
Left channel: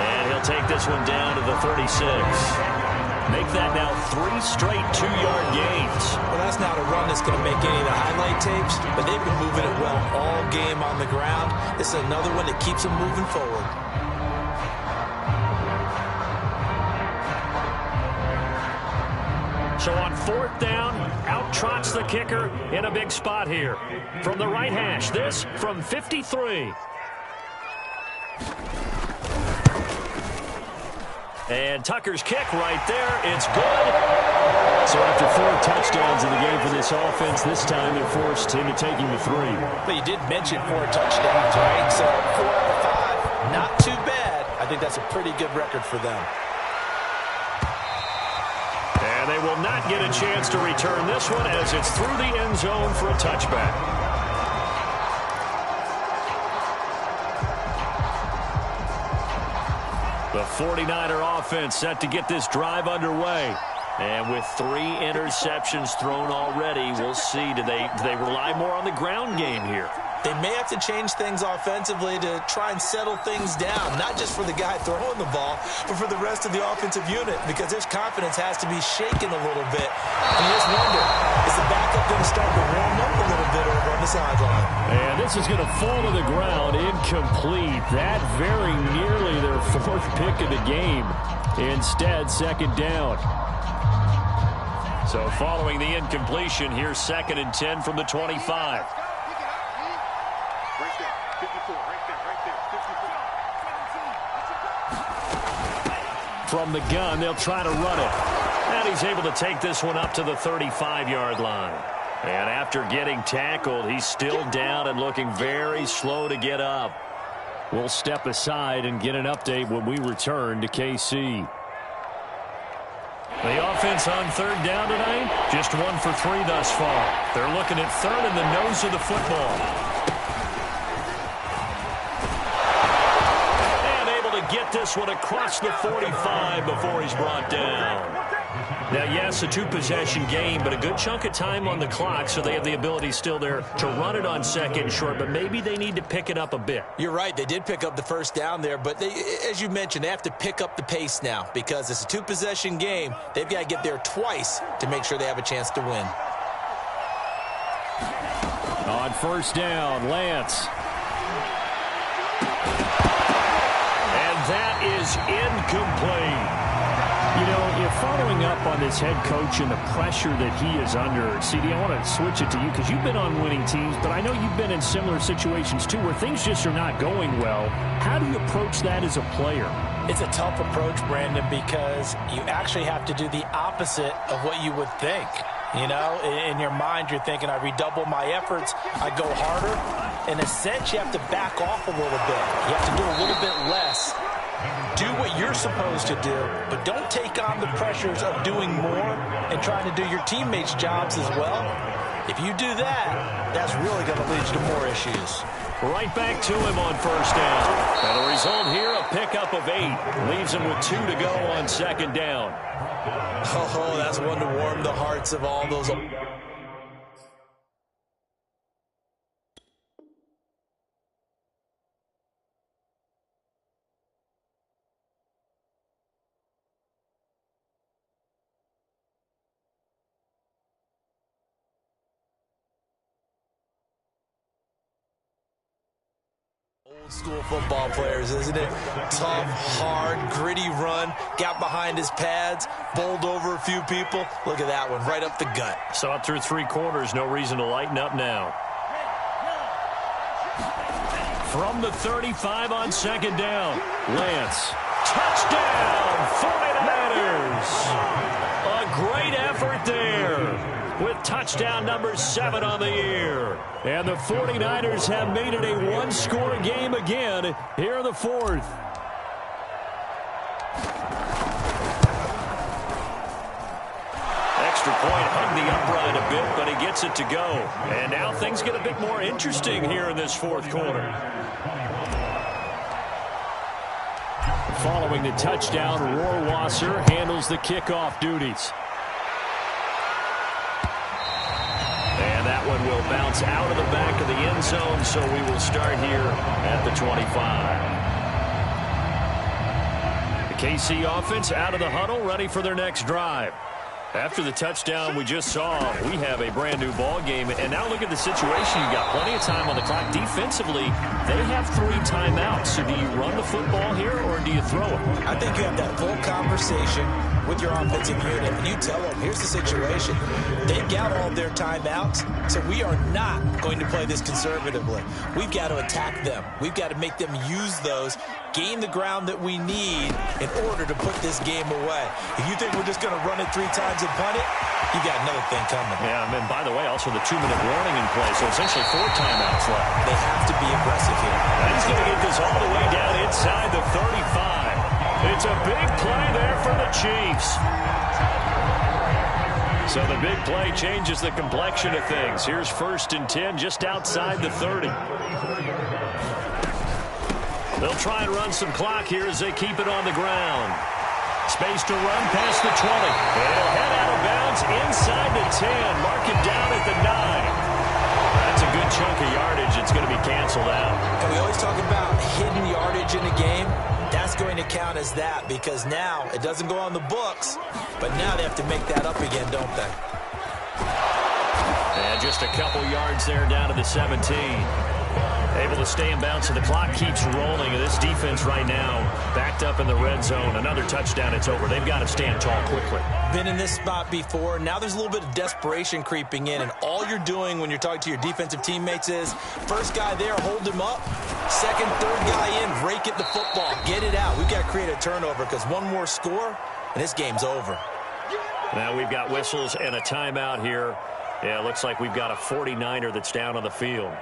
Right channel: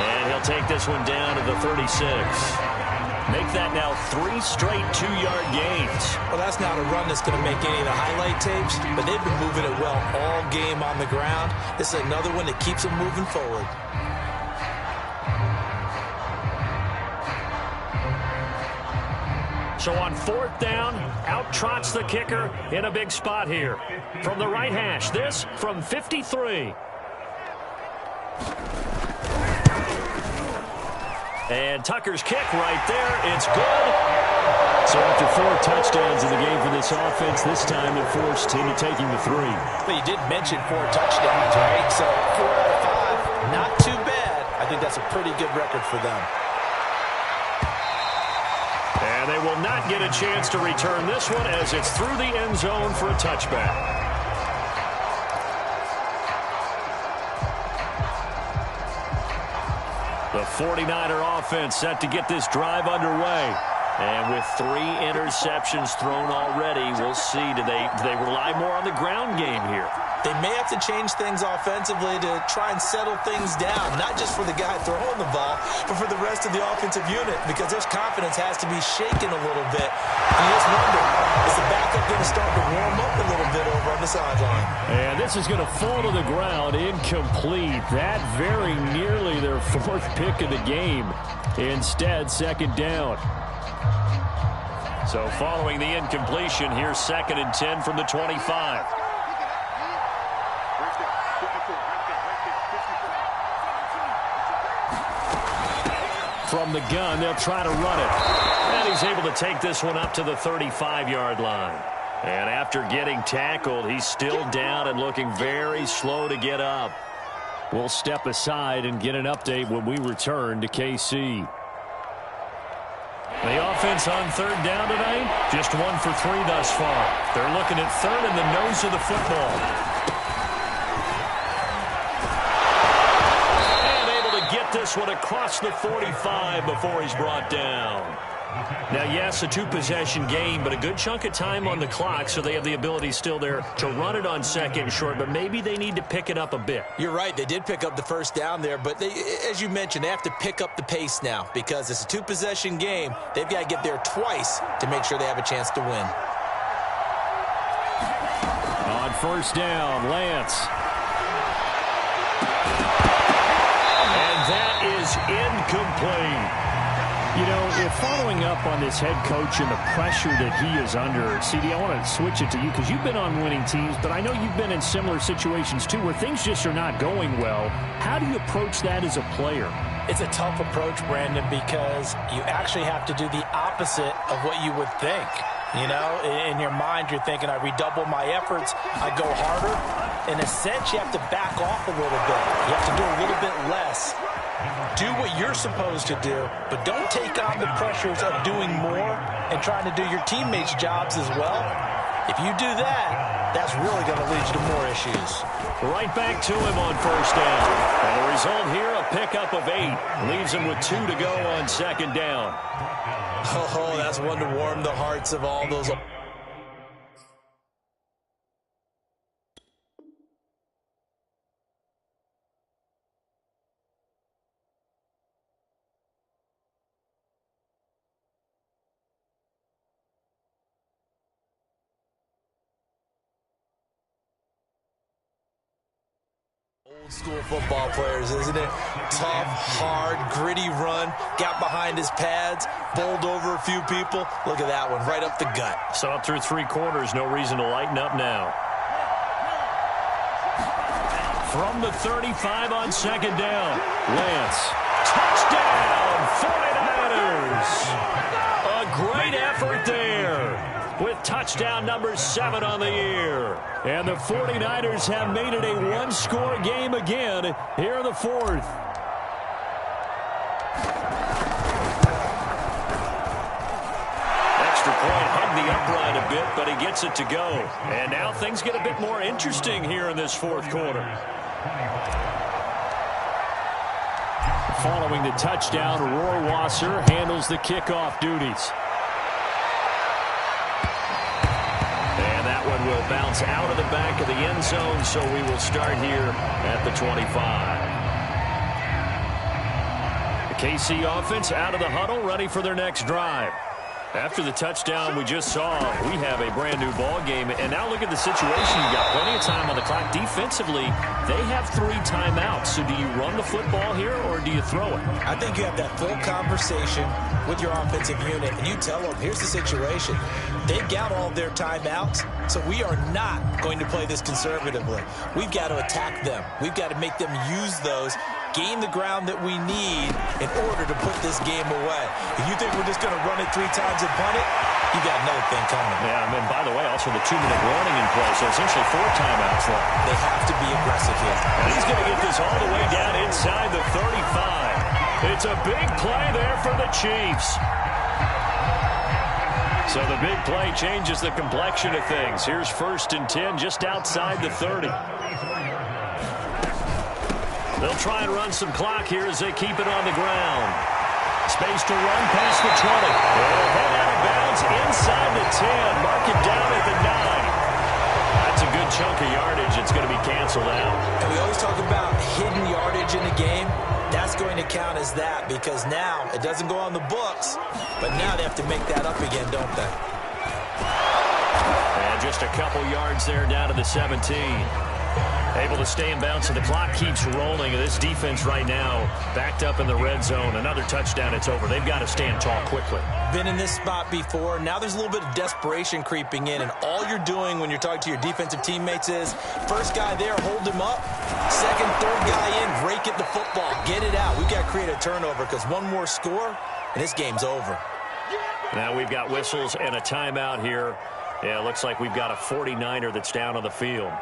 And he'll take this one down to the 36. Make that now 3 straight 2-yard gains. Well, that's not a run that's going to make any of the highlight tapes, but they've been moving it well all game on the ground. This is another one that keeps them moving forward. So on 4th down, out trots the kicker in a big spot here. From the right hash, this from 53. And Tucker's kick right there. It's good. So after 4 touchdowns in the game for this offense, this time they're forced into taking the 3. Well, you did mention 4 touchdowns, right? So 4 out of 5, not too bad. I think that's a pretty good record for them. And they will not get a chance to return this one as it's through the end zone for a touchback. The 49er offense set to get this drive underway. And with 3 interceptions thrown already, we'll see. Do they rely more on the ground game here? They may have to change things offensively to try and settle things down, not just for the guy throwing the ball, but for the rest of the offensive unit, because their confidence has to be shaken a little bit. And you just wonder, is the backup going to start to warm up a little bit over on the sideline? And this is going to fall to the ground, incomplete. That very nearly their 4th pick of the game. Instead, 2nd down. So following the incompletion, here's 2nd and 10 from the 25. From the gun, they'll try to run it. And he's able to take this one up to the 35-yard line. And after getting tackled, he's still down and looking very slow to get up. We'll step aside and get an update when we return to KC. The offense on 3rd down tonight, just 1 for 3 thus far. They're looking at 3rd in the nose of the football. And able to get this one across the 45 before he's brought down. Now, yes, a 2-possession game, but a good chunk of time on the clock, so they have the ability still there to run it on 2nd and short, but maybe they need to pick it up a bit. You're right. They did pick up the 1st down there, but they, as you mentioned, they have to pick up the pace now because it's a 2-possession game. They've got to get there twice to make sure they have a chance to win. On 1st down, Lance. And that is incomplete. You know, if following up on this head coach and the pressure that he is under, CD, I want to switch it to you because you've been on winning teams, but I know you've been in similar situations too where things just are not going well. How do you approach that as a player? It's a tough approach, Brandon, because you actually have to do the opposite of what you would think. You know, in your mind, you're thinking, I redouble my efforts, I go harder. In a sense, you have to back off a little bit. You have to do a little bit less. Do what you're supposed to do, but don't take on the pressures of doing more and trying to do your teammates' jobs as well. If you do that, that's really going to lead you to more issues. Right back to him on 1st down. And the result here, a pickup of 8. Leaves him with 2 to go on 2nd down. Oh, that's one to warm the hearts of all those. Old school football players, isn't it? Tough, hard, gritty run. Got behind his pads, bowled over a few people. Look at that one, right up the gut. So up through 3 quarters, no reason to lighten up now. From the 35 on 2nd down, Lance. Touchdown, 49ers. A great effort there, with touchdown number 7 on the year. And the 49ers have made it a 1-score game again here in the 4th. Extra point hugged the upright a bit, but he gets it to go. And now things get a bit more interesting here in this 4th quarter. Following the touchdown, Rohrwasser handles the kickoff duties. And that one will bounce out of the back of the end zone, so we will start here at the 25. The KC offense out of the huddle, ready for their next drive. After the touchdown we just saw, we have a brand new ball game. And now look at the situation. You got plenty of time on the clock. Defensively, they have 3 timeouts. So do you run the football here or do you throw it? I think you have that full conversation with your offensive unit, and you tell them, here's the situation. They've got all their timeouts, so we are not going to play this conservatively. We've got to attack them. We've got to make them use those, gain the ground that we need in order to put this game away. If you think we're just going to run it 3 times and punt it, you got another thing coming. Yeah, and by the way, also the 2-minute warning in play, so essentially 4 timeouts left. They have to be aggressive here. And he's going to get this all the way down inside the 35. It's a big play there for the Chiefs. So the big play changes the complexion of things. Here's 1st and 10 just outside the 30. They'll try and run some clock here as they keep it on the ground. Space to run past the 20. It'll head out of bounds inside the 10. Mark it down at the 9. That's a good chunk of yardage. It's going to be canceled out. And we always talk about hidden yardage in a game. That's going to count as that because now it doesn't go on the books, but now they have to make that up again, don't they? And just a couple yards there down to the 17. Able to stay in bounds, so the clock keeps rolling. And this defense right now backed up in the red zone. Another touchdown, it's over. They've got to stand tall quickly. Been in this spot before. Now there's a little bit of desperation creeping in, and all you're doing when you're talking to your defensive teammates is first guy there, hold him up. Second, third guy in, break it the football. Get it out. We've got to create a turnover because one more score, and this game's over. Now we've got whistles and a timeout here. Yeah, it looks like we've got a 49er that's down on the field.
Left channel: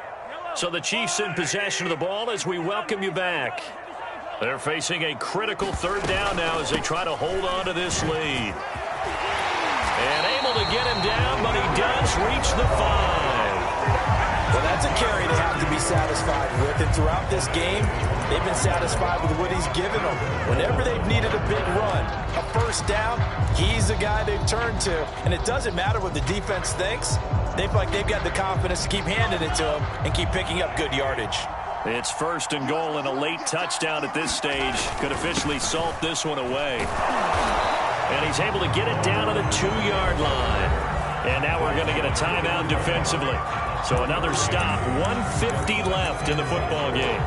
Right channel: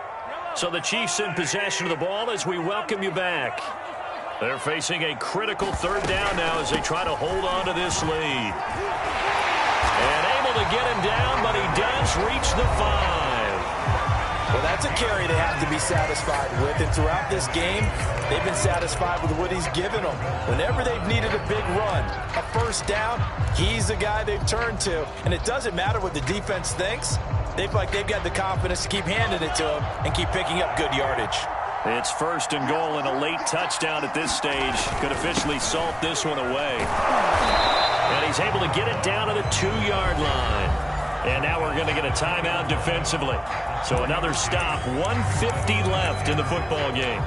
So the Chiefs in possession of the ball as we welcome you back. They're facing a critical 3rd down now as they try to hold on to this lead. And able to get him down, but he does reach the 5. Well, that's a carry they have to be satisfied with. And throughout this game, they've been satisfied with what he's given them. Whenever they've needed a big run, a 1st down, he's the guy they've turned to. And it doesn't matter what the defense thinks. They feel like they've got the confidence to keep handing it to him and keep picking up good yardage. It's 1st and goal and a late touchdown at this stage. Could officially salt this one away. And he's able to get it down to the 2-yard line. And now we're going to get a timeout defensively. So another stop, 1:50 left in the football game.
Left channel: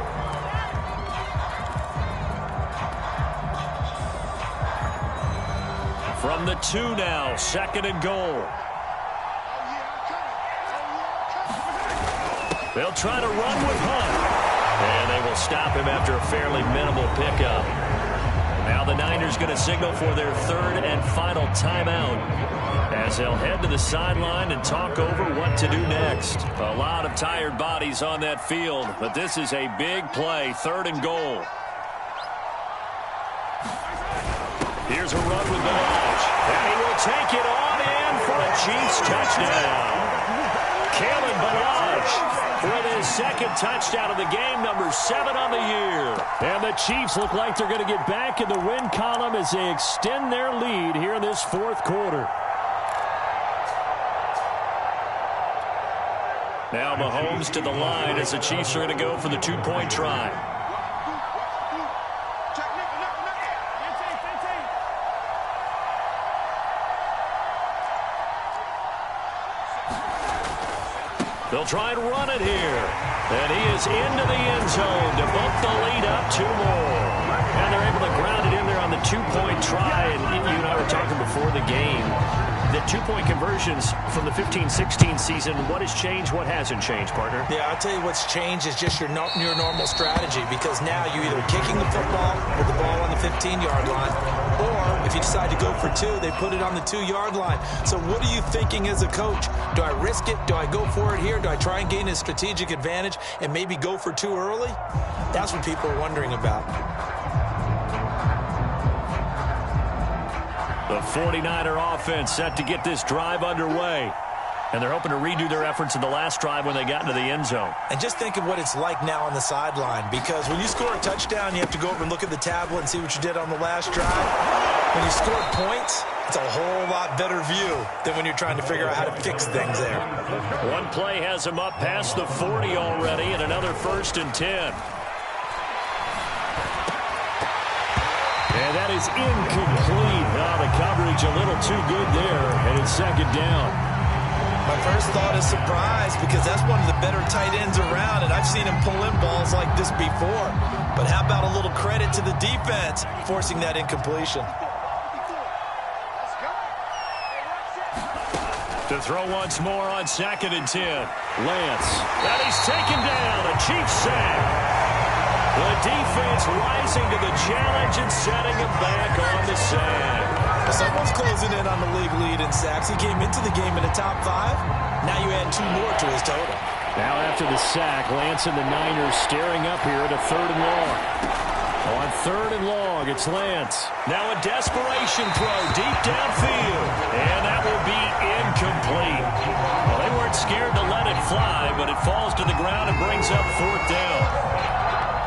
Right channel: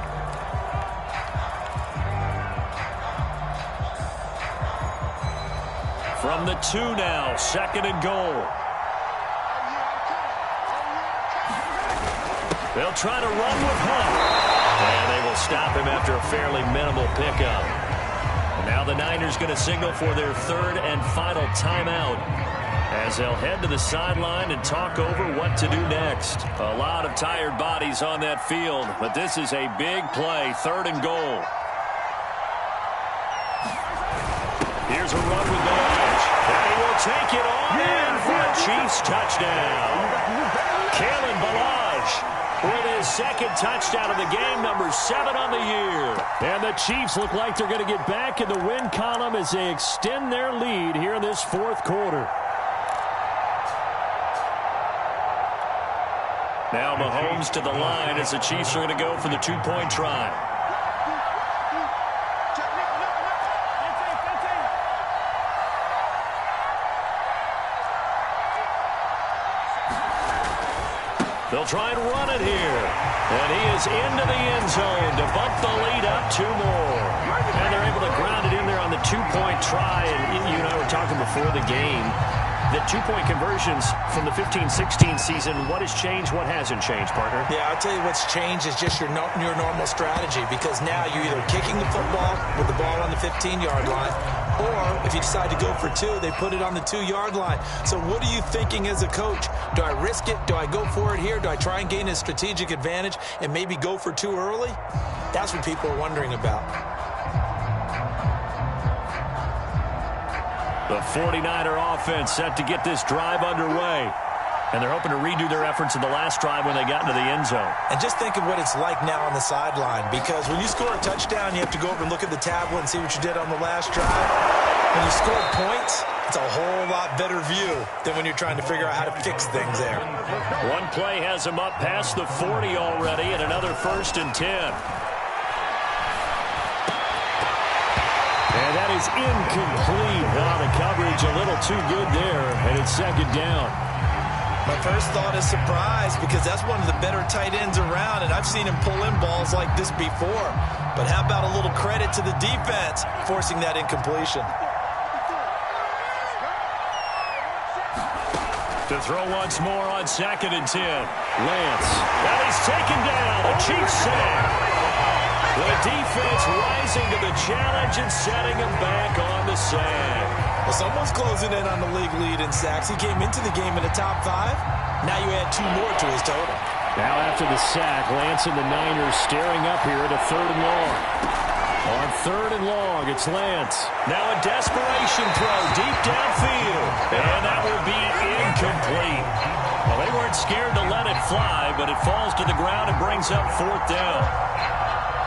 From the 2 now, 2nd and goal. They'll try to run with Hunt. And they will stop him after a fairly minimal pickup. And now the Niners going to signal for their 3rd and final timeout as they'll head to the sideline and talk over what to do next. A lot of tired bodies on that field, but this is a big play, 3rd and goal. Here's a run with Balaj. And he will take it on in for a Chiefs touchdown. Kalen Balaj with his 2nd touchdown of the game, number 7 on the year. And the Chiefs look like they're going to get back in the win column as they extend their lead here in this 4th quarter. Now Mahomes to the line as the Chiefs are going to go for the 2-point try. They'll try and run it here. And he is into the end zone to bump the lead up 2 more. And they're able to ground it in there on the 2-point try. And you and I were talking before the game. The 2-point conversions from the 15-16 season, what has changed, what hasn't changed, partner? Yeah, I'll tell you what's changed is just your normal strategy, because now you're either kicking the football with the ball on the 15-yard line, or if you decide to go for 2, they put it on the 2-yard line. So what are you thinking as a coach? Do I risk it? Do I go for it here? Do I try and gain a strategic advantage and maybe go for 2 early? That's what people are wondering about. The 49er offense set to get this drive underway. And they're hoping to redo their efforts in the last drive when they got into the end zone. And just think of what it's like now on the sideline, because when you score a touchdown, you have to go over and look at the tablet and see what you did on the last drive. When you scored points, it's a whole lot better view than when you're trying to figure out how to fix things there. One play has him up past the 40 already, and another 1st and 10. And that is incomplete. Oh, the coverage a little too good there, and it's 2nd down. My first thought is surprise, because that's one of the better tight ends around, and I've seen him pull in balls like this before. But how about a little credit to the defense forcing that incompletion? To throw once more on 2nd and 10. Lance. And he's taken down. A Chiefs sack. The defense rising to the challenge and setting him back on the sack. Well, someone's closing in on the league lead in sacks. He came into the game in the top 5. Now you add 2 more to his total. Now after the sack, Lance and the Niners staring up here at a 3rd and long. On 3rd and long, it's Lance. Now a desperation throw deep downfield. And that will be incomplete. Well, they weren't scared to let it fly, but it falls to the ground and brings up 4th down.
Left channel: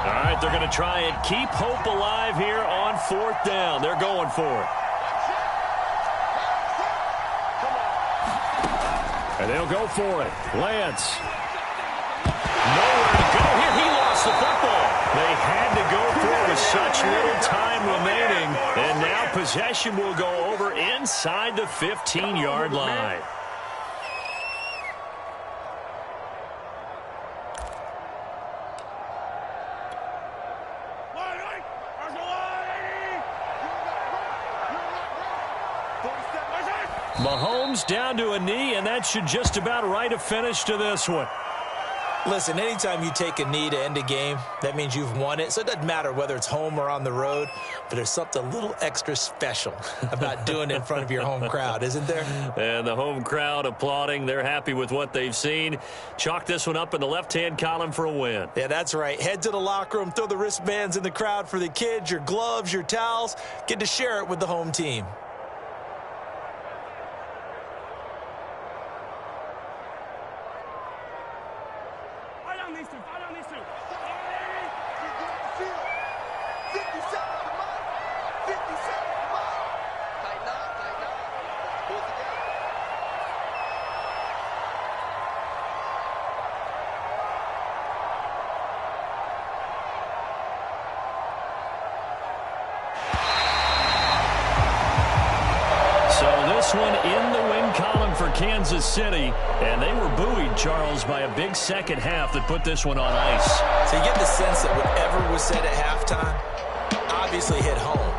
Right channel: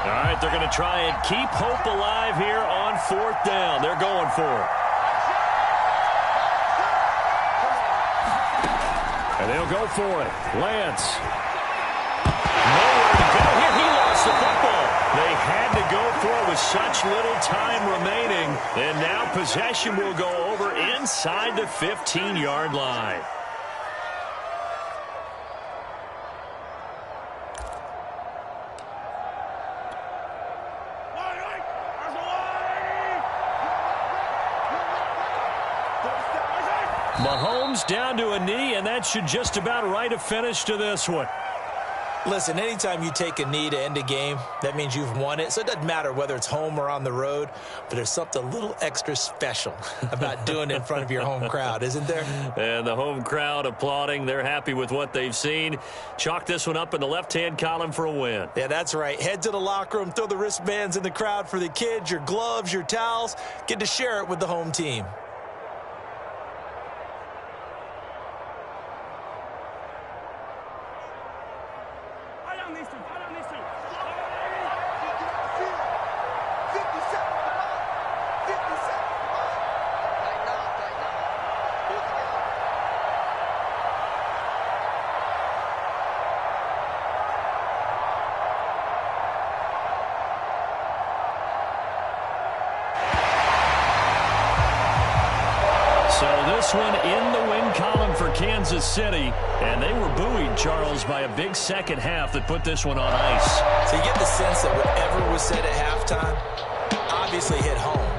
All right, they're going to try and keep hope alive here on 4th down. They're going for it. And they'll go for it. Lance. Nowhere to go here. He lost the football. They had to go for it with such little time remaining. And now possession will go over inside the 15-yard line. Mahomes down to a knee, and that should just about write a finish to this one. Listen, anytime you take a knee to end a game, that means you've won it. So it doesn't matter whether it's home or on the road, but there's something a little extra special about doing it in front of your home crowd, isn't there? And the home crowd applauding. They're happy with what they've seen. Chalk this one up in the left-hand column for a win. Yeah, that's right. Head to the locker room, throw the wristbands in the crowd for the kids, your gloves, your towels. Get to share it with the home team. So this one in the win column for Kansas City. And they were buoyed, Charles, by a big second half that put this one on ice. So you get the sense that whatever was said at halftime obviously hit home.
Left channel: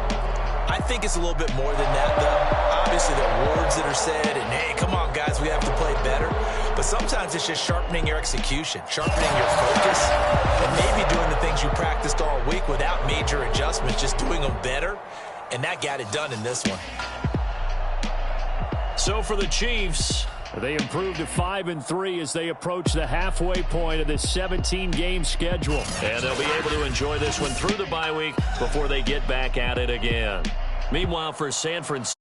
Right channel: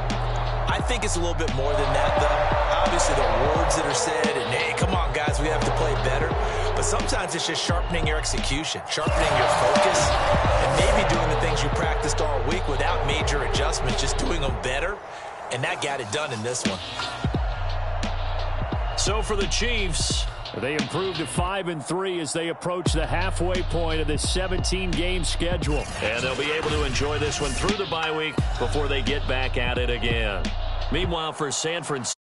I think it's a little bit more than that, though. Obviously, there are words that are said, and, hey, come on, guys, we have to play better. But sometimes it's just sharpening your execution, sharpening your focus, and maybe doing the things you practiced all week without major adjustments, just doing them better. And that got it done in this one. So for the Chiefs, they improved to 5-3 as they approach the halfway point of this 17-game schedule. And they'll be able to enjoy this one through the bye week before they get back at it again. Meanwhile, for San Francisco,